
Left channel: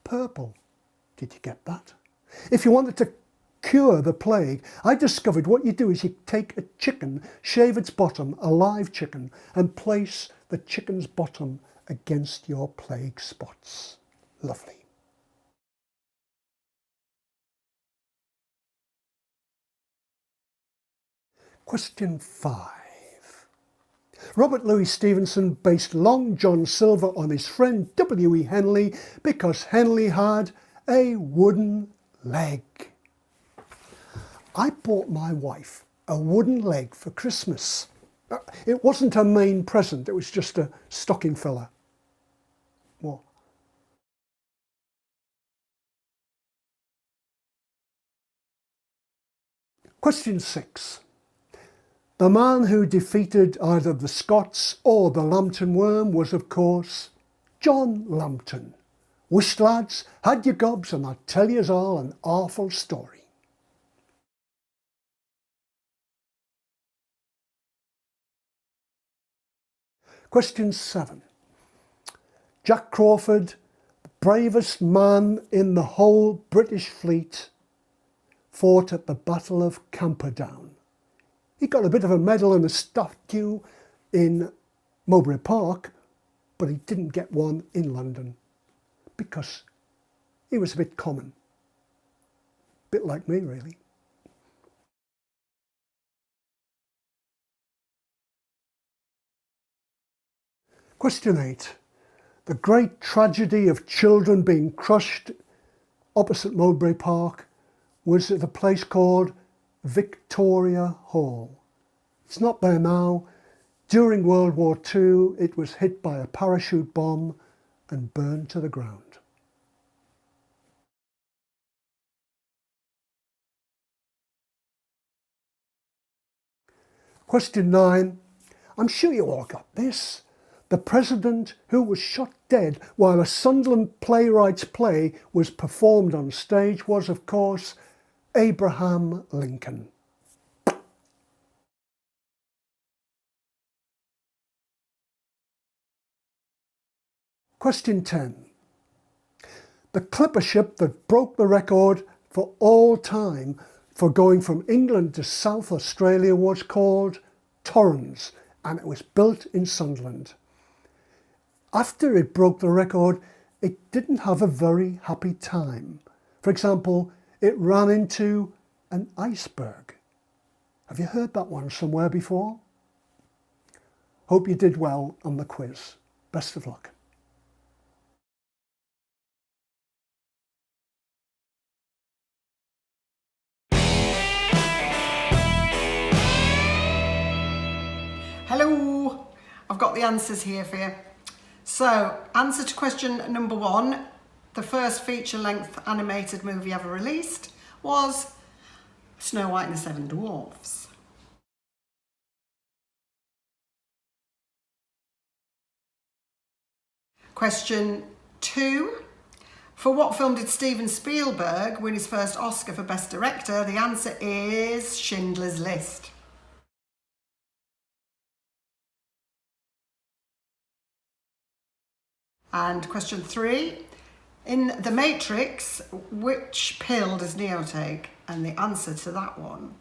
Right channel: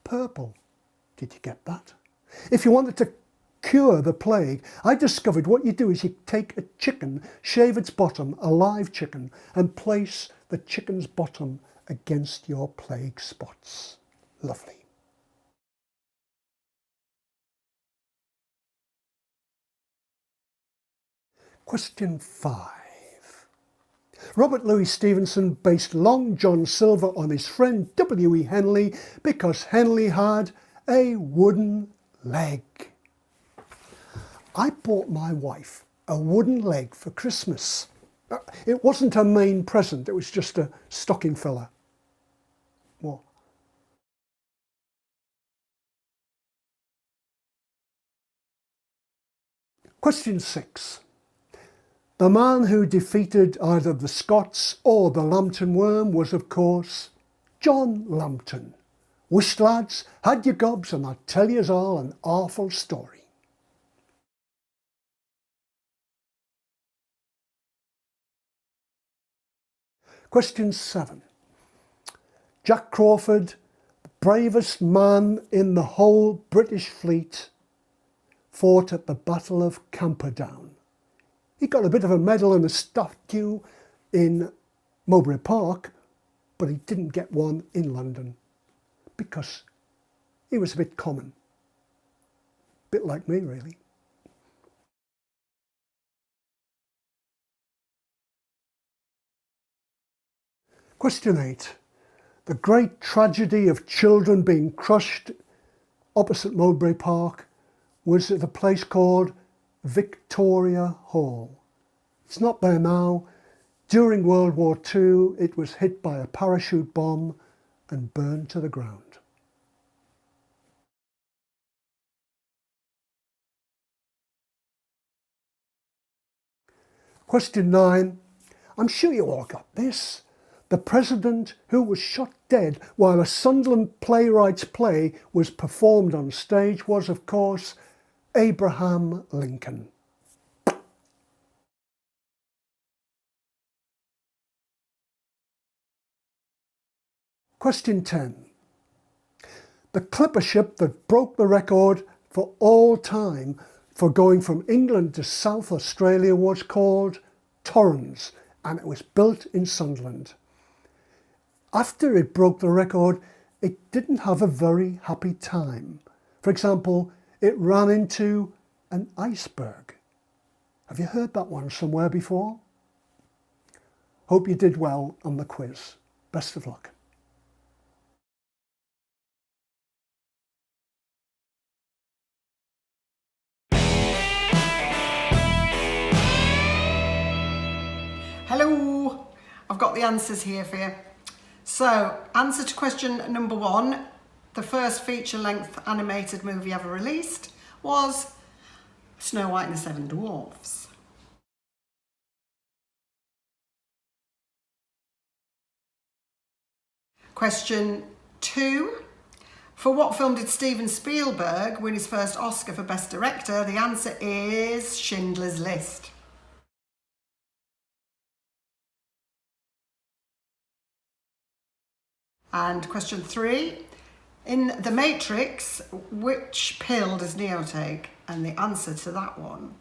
purple. Did you get that? If you wanted to cure the plague, I discovered what you do is you take a chicken, shave its bottom, a live chicken, and place the chicken's bottom against your plague spots. Lovely. Question 5. Robert Louis Stevenson based Long John Silver on his friend W.E. Henley because Henley had a wooden leg. I bought my wife a wooden leg for Christmas. It wasn't a main present, it was just a stocking filler. What? Question 6. The man who defeated either the Scots or the Lambton worm was, of course, John Lambton. Whisht, lads, had your gobs, and I'll tell yous all an awful story. Question 7. Jack Crawford, the bravest man in the whole British fleet, fought at the Battle of Camperdown. He got a bit of a medal and a statue in Mowbray Park, but he didn't get one in London because he was a bit common. A bit like me, really. Question 8. The great tragedy of children being crushed opposite Mowbray Park was at a place called Victoria Hall. It's not there now. During World War II, it was hit by a parachute bomb and burned to the ground. Question 9. I'm sure you all got this. The president who was shot dead while a Sunderland playwright's play was performed on stage was, of course, Abraham Lincoln. Question 10. The clipper ship that broke the record for all time for going from England to South Australia was called TORRENS, and it was built in Sunderland. After it broke the record, it didn't have a very happy time. For example, it ran into an iceberg. Have you heard that one somewhere before? Hope you did well on the quiz. Best of luck. Hello, I've got the answers here for you. So, answer to question number 1, the first feature-length animated movie ever released was Snow White and the Seven Dwarfs. Question 2, for what film did Steven Spielberg win his first Oscar for Best Director? The answer is Schindler's List. And question 3, in The Matrix, which pill does Neo take? And the answer to that one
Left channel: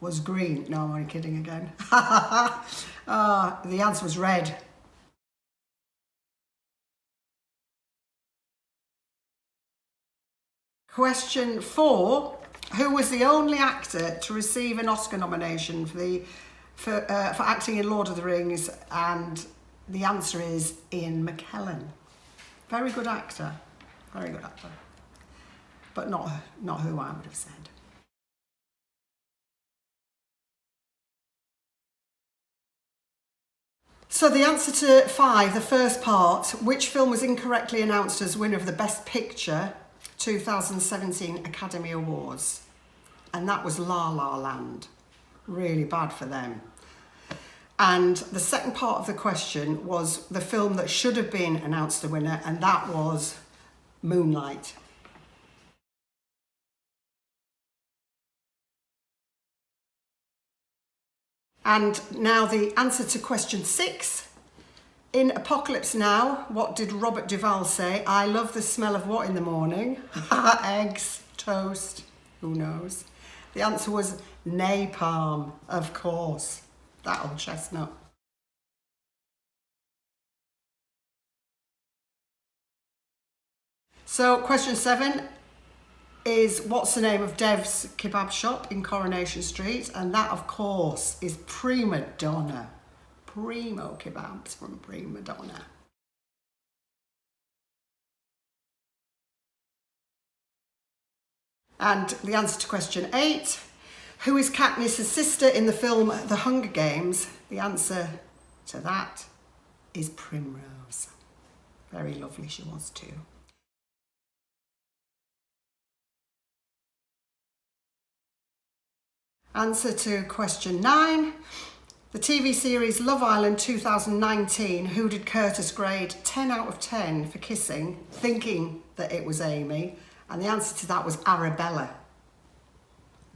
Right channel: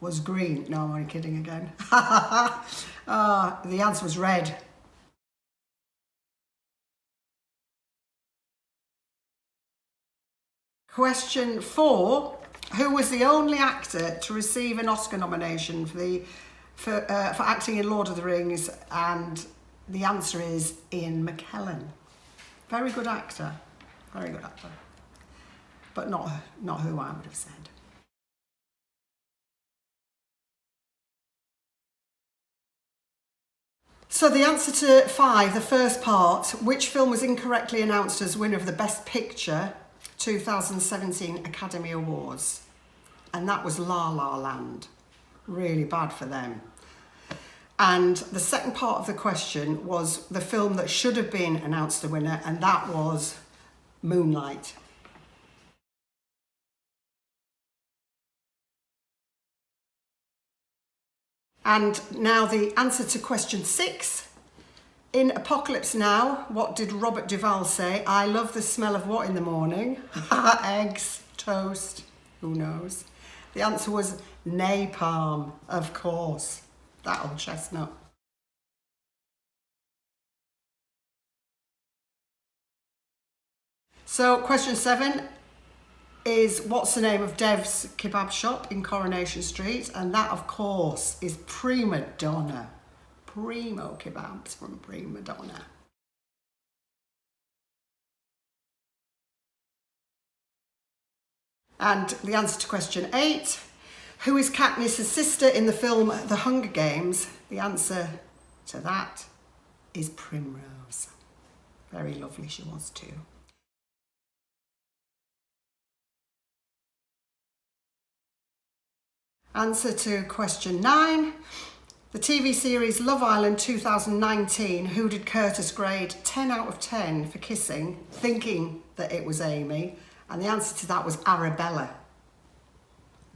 was green. No, I'm only kidding again. The answer was red. Question 4, who was the only actor to receive an Oscar nomination for acting in Lord of the Rings? And the answer is Ian McKellen. Very good actor, but not who I would have said. So the answer to 5, the first part, which film was incorrectly announced as winner of the Best Picture 2017 Academy Awards? And that was La La Land. Really bad for them. And the second part of the question was the film that should have been announced the winner, and that was Moonlight. And now the answer to question 6. In Apocalypse Now, what did Robert Duvall say? I love the smell of what in the morning? Eggs, toast, who knows? The answer was napalm, of course. That old chestnut. So question 7 is what's the name of Dev's kebab shop in Coronation Street? And that, of course, is Prima Donna. Primo kebabs from Prima Donna. And the answer to question 8, who is Katniss' sister in the film The Hunger Games? The answer to that is Primrose. Very lovely she was too. Answer to question 9. The TV series Love Island 2019, who did Curtis grade 10 out of 10 for kissing, thinking that it was Amy? And the answer to that was Arabella.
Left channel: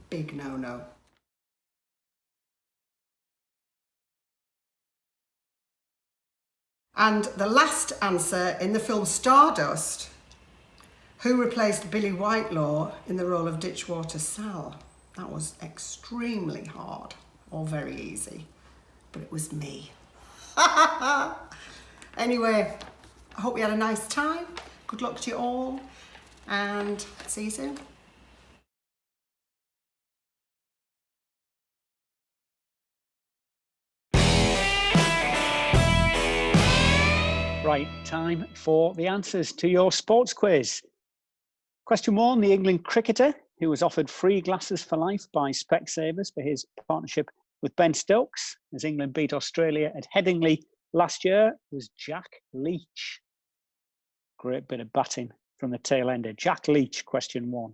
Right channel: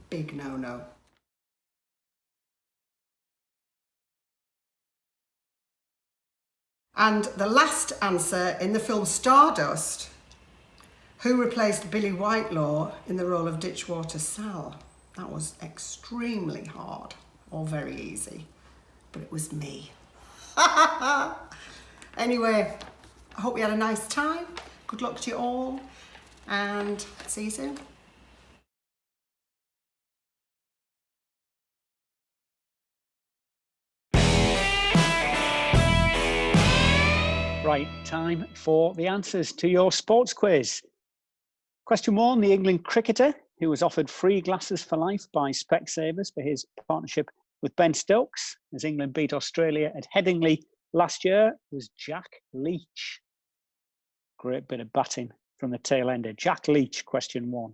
Big no-no. And the last answer, in the film Stardust, who replaced Billy Whitelaw in the role of Ditchwater Sal? That was extremely hard, or very easy, but it was me. Anyway, I hope you had a nice time. Good luck to you all, and see you soon. Right, time for the answers to your sports quiz. Question 1, the England cricketer who was offered free glasses for life by Specsavers for his partnership with Ben Stokes as England beat Australia at Headingley last year was Jack Leach. Great bit of batting from the tail ender. Jack Leach, question 1.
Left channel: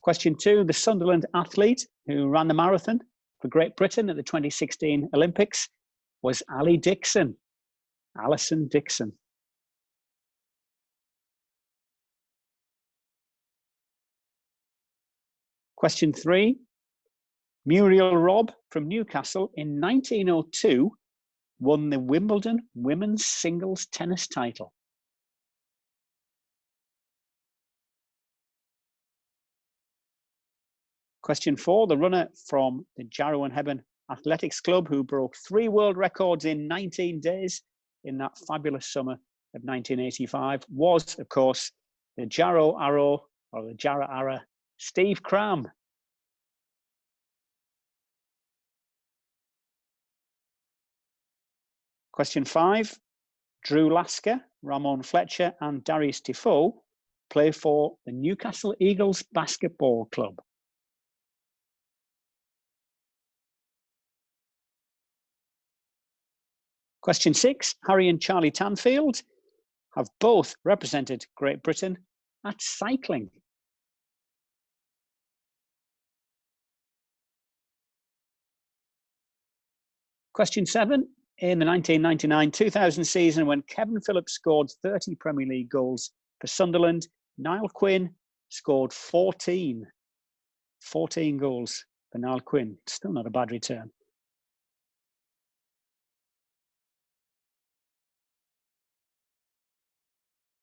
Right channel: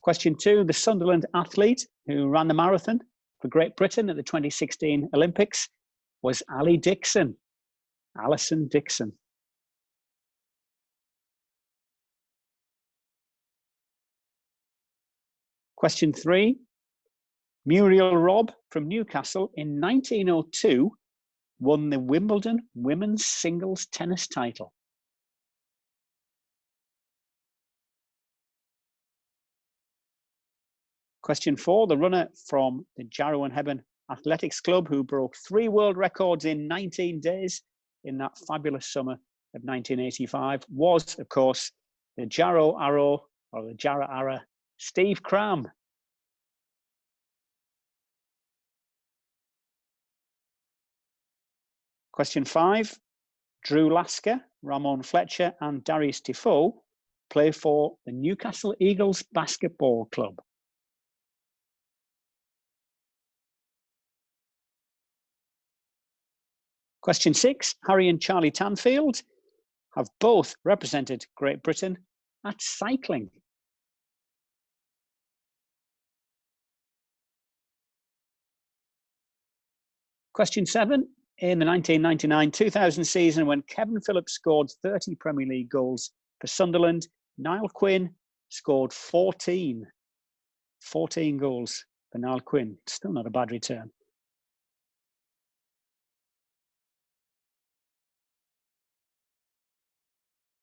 Question 2, the Sunderland athlete who ran the marathon for Great Britain at the 2016 Olympics was Ali Dixon. Alison Dixon. Question 3, Muriel Robb from Newcastle in 1902 won the Wimbledon women's singles tennis title? Question 4, the runner from the Jarrow and Hebburn Athletics Club who broke 3 world records in 19 days in that fabulous summer of 1985 was, of course, the Jarrow Arrow, or the Jarrah Arrow, Steve CRAM. Question 5, Drew Lasker, Ramon Fletcher and Darius Defoe play for the Newcastle Eagles Basketball Club. Question 6, Harry and Charlie Tanfield have both represented Great Britain at cycling. Question 7, in the 1999-2000 season when Kevin Phillips scored 30 Premier League goals for Sunderland, Niall Quinn scored 14 goals for Niall Quinn. Still not a bad return.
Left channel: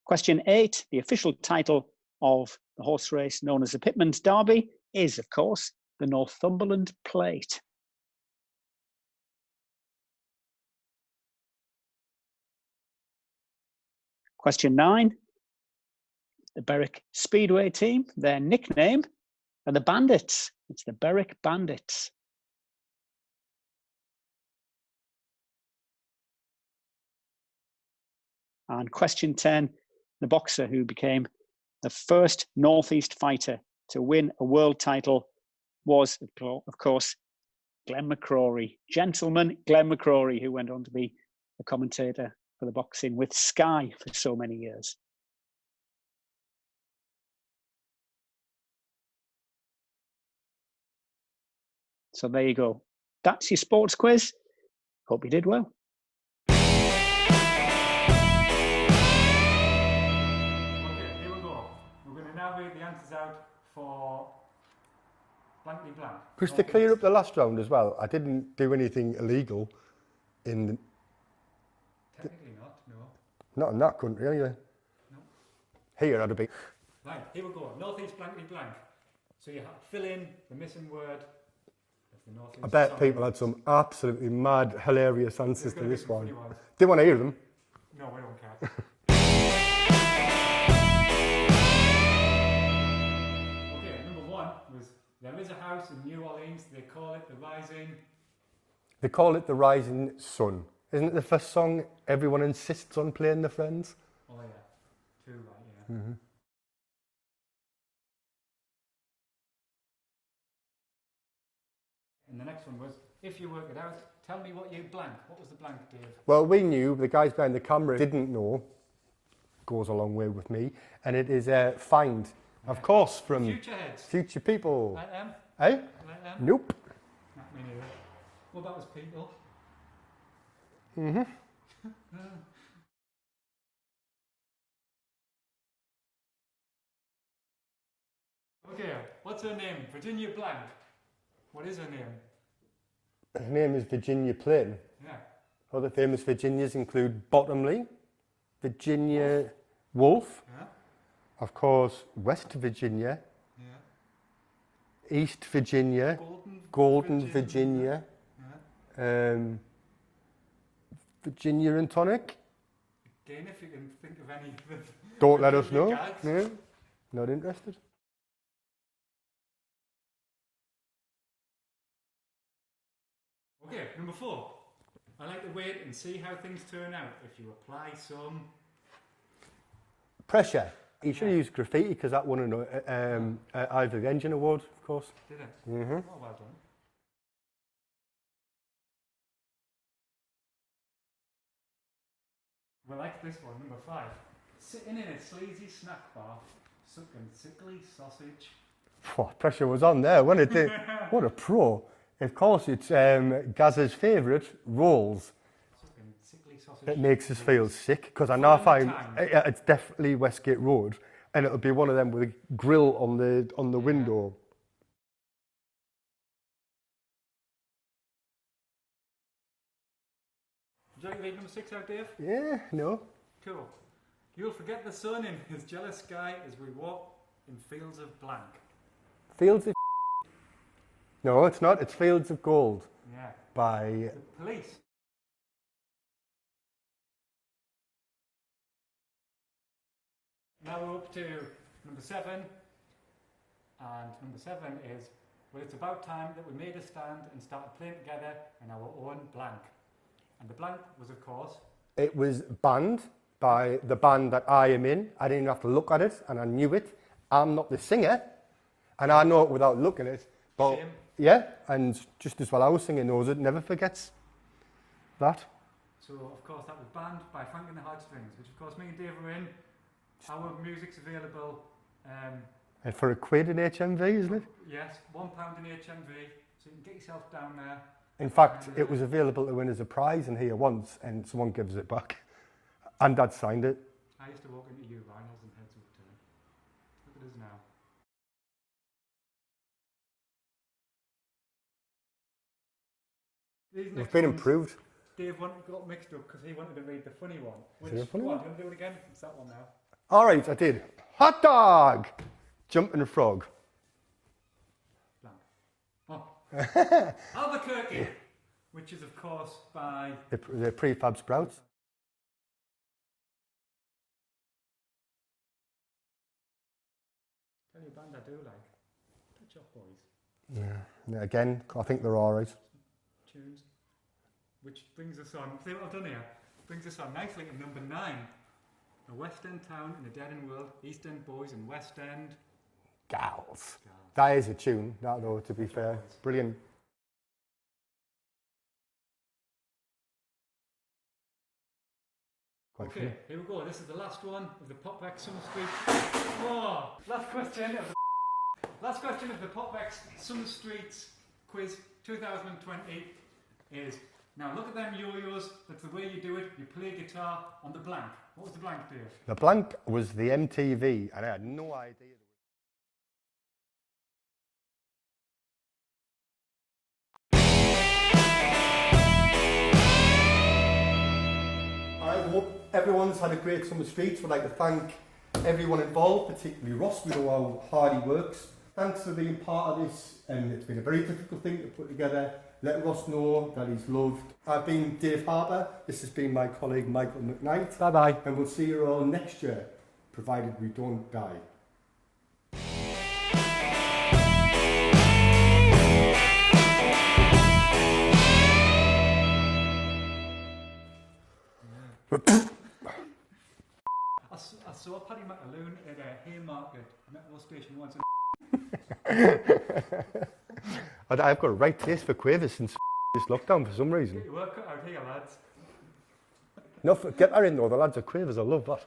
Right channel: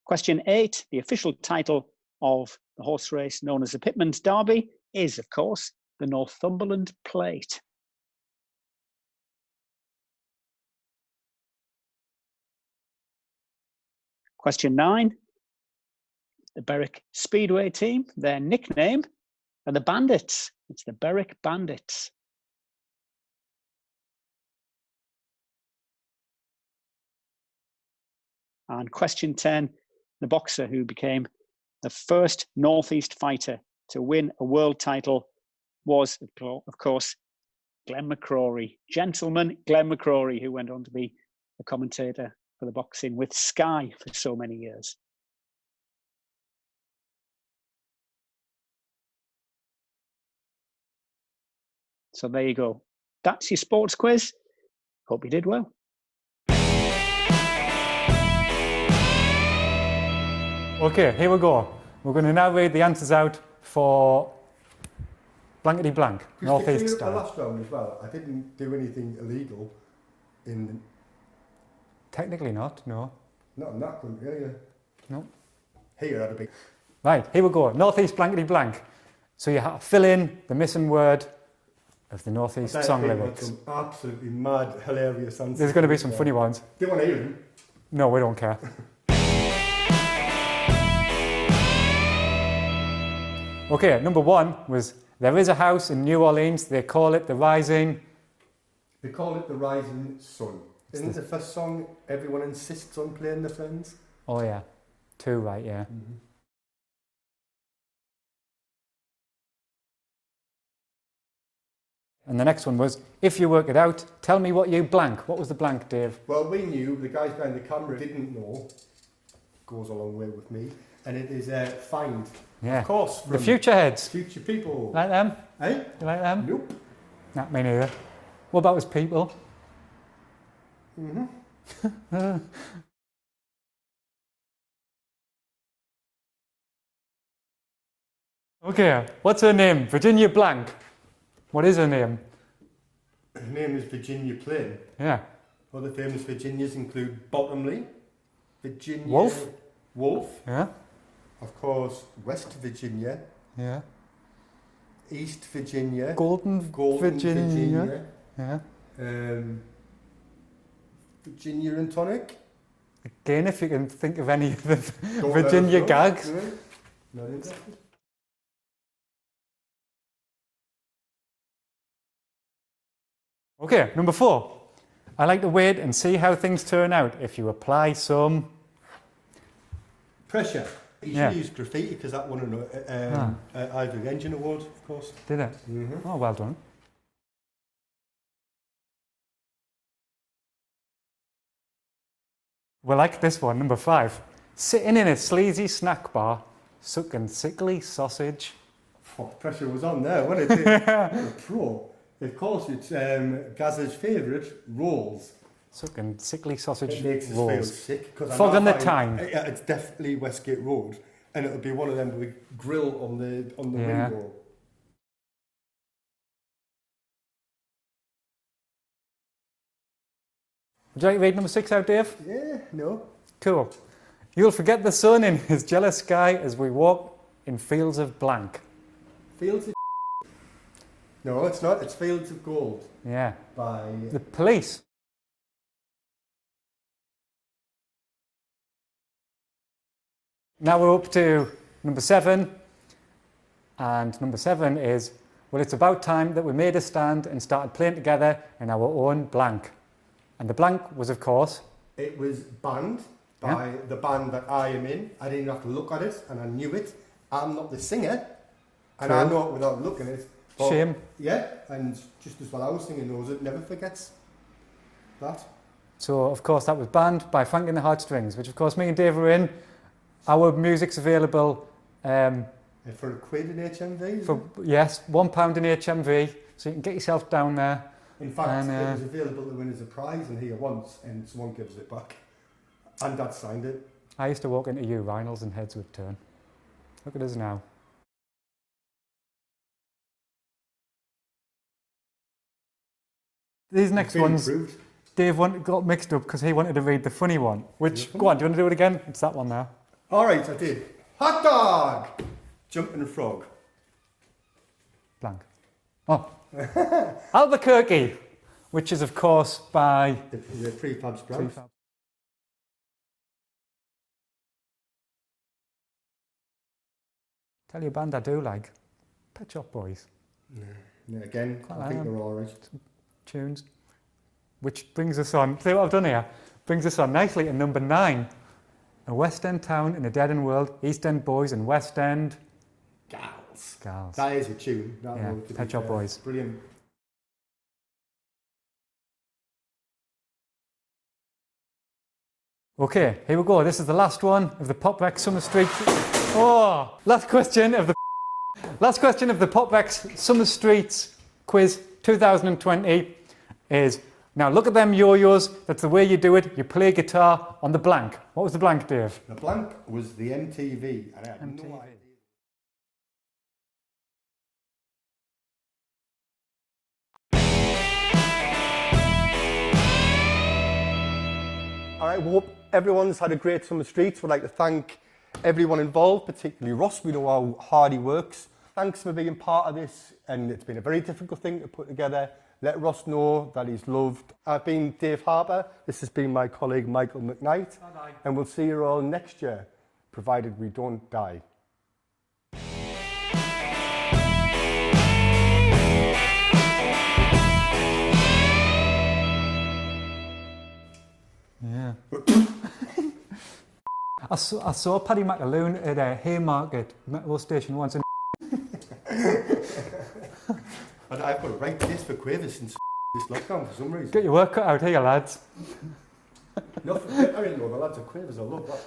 Question 8, the official title of the horse race known as the Pitman's Derby is, of course, the Northumberland Plate. Question 9, the Berwick Speedway team, their nickname are the Bandits. It's the Berwick Bandits. And question 10, the boxer who became the first Northeast fighter to win a world title was, of course, Glenn McCrory. Gentleman Glenn McCrory, who went on to be a commentator for the boxing with Sky for so many years. So there you go. That's your sports quiz. Hope you did well. Okay, here we go. We're going to now read the answers out for blankety blank. Because to clear up the last round as well, I didn't do anything illegal in the... Technically not, no. Not in that country, anyway. No. Here I'd have been... Right, here we go. Northeast blankety blank. So you have to fill in the missing word of the Northeast song people lyrics. had some absolutely mad, hilarious answers. There's going to be some funny ones. Do you want to hear them? No, we don't care. Okay, number 1 was, there is a house in New Orleans, they call it the Rising... They call it the Rising Sun. Isn't it the first song everyone insists on playing, the Friends? Oh yeah, 2 right, yeah. Mm-hmm. And the next one was, if you work it out, tell me what you blank. What was the blank, Dave? Well, we knew, the guys behind the camera didn't know. Goes a long way with me. And it is find. Yeah. Of course. The future heads. Future people. Like them? Eh? You like them? Nope. Not me neither. What about his people? Mm-hmm. Okay, what's her name? Virginia Blank. What is her name? Her name is Virginia Plain. Yeah. Other famous Virginias include Bottomley, Virginia Wolf. Yeah. Of course, West Virginia. Yeah. East Virginia. Golden Virginia. Yeah. Virginia and Tonic. Again, if you can think of any of the Don't Virginia gags. No. Not interested. Okay, number 4. I like to wait and see how things turn out if you apply some... Pressure. You should Yeah. use graffiti because that won an Ivor the Engine Award, of course. Did it? Mm-hmm. Oh, well done. We like this one, number 5. Sitting in a sleazy snack bar, sucking sickly sausage. Oh, pressure was on there, wasn't it? What a pro. Of course, it's Gaz's favourite, rolls. Sucking sickly sausage. It makes us feel sick because I Fog know on the time. it's definitely Westgate Road, and it'll be one of them with a grill on the window. Would you like to read number 6 out, Dave? Yeah, no. Cool. You'll forget the sun in his jealous sky as we walk in fields of blank. Fields of No, it's not. It's Fields of Gold Yeah. by... The Police. Now we're up to number 7. And number 7 is, well, it's about time that we made a stand and started playing together in our own blank. And the blank was, of course... It was banned by the band that I am in. I didn't have to look at it, and I knew it. I'm not the singer, and I know it without looking at it. But Shame. Yeah, and just as well I was singing knows it, never forgets that. So, of course, that was banned by Frankie the Heartstrings, which, of course, me and Dave are in. Our music's available... And for £1 in HMV, is it? Yes, £1 in HMV, so you can get yourself down there. In fact, And, it was available to win as a prize in here once, and someone gives it back. And Dad signed it. I used to walk into urinals and heads would turn. Look at us now. These next Been ones, improved. Dave got mixed up because he wanted to read the funny one. Which, go on, do you want to do it again? It's that one now. All right, I did. Hot dog! Jumping frog. Blank. Oh. Albuquerque, which is, of course, by... The Prefab Sprouts. Tell you a band I do like. Pet Shop Boys. Yeah, again, I think they're all right. Tunes. Which brings us on, see what I've done here? Brings us on nicely to number 9. A West End town in a dead end world, East End boys and West End Gals. gals. That is a tune. That Yeah, to be Pet Shop fair. Boys. Brilliant. Okay, here we go. This is the last one of the Pop Recs Summer Street. Oh, last question of the Pop Recs Summer Streets quiz 2020 is, now look at them yo-yos. That's the way you do it. You play guitar on the blank. What was the blank, Dave? The blank was the MTV, and I had no idea. I hope everyone's had a great summer streets. We'd like to thank everyone involved, particularly Ross. We know how hard he works. Thanks for being part of this, and it's been a very difficult thing to put together. Let Ross know that he's loved. I've been Dave Harper. This has been my colleague Michael McKnight. Bye-bye. And we'll see you all next year, provided we don't die. Yeah. I saw Paddy McAloon at a Haymarket metro station once. I've got a right taste for quavers since this lockdown for some reason. Get your work cut out here, lads. No, I didn't know the lads are quavers. I love that.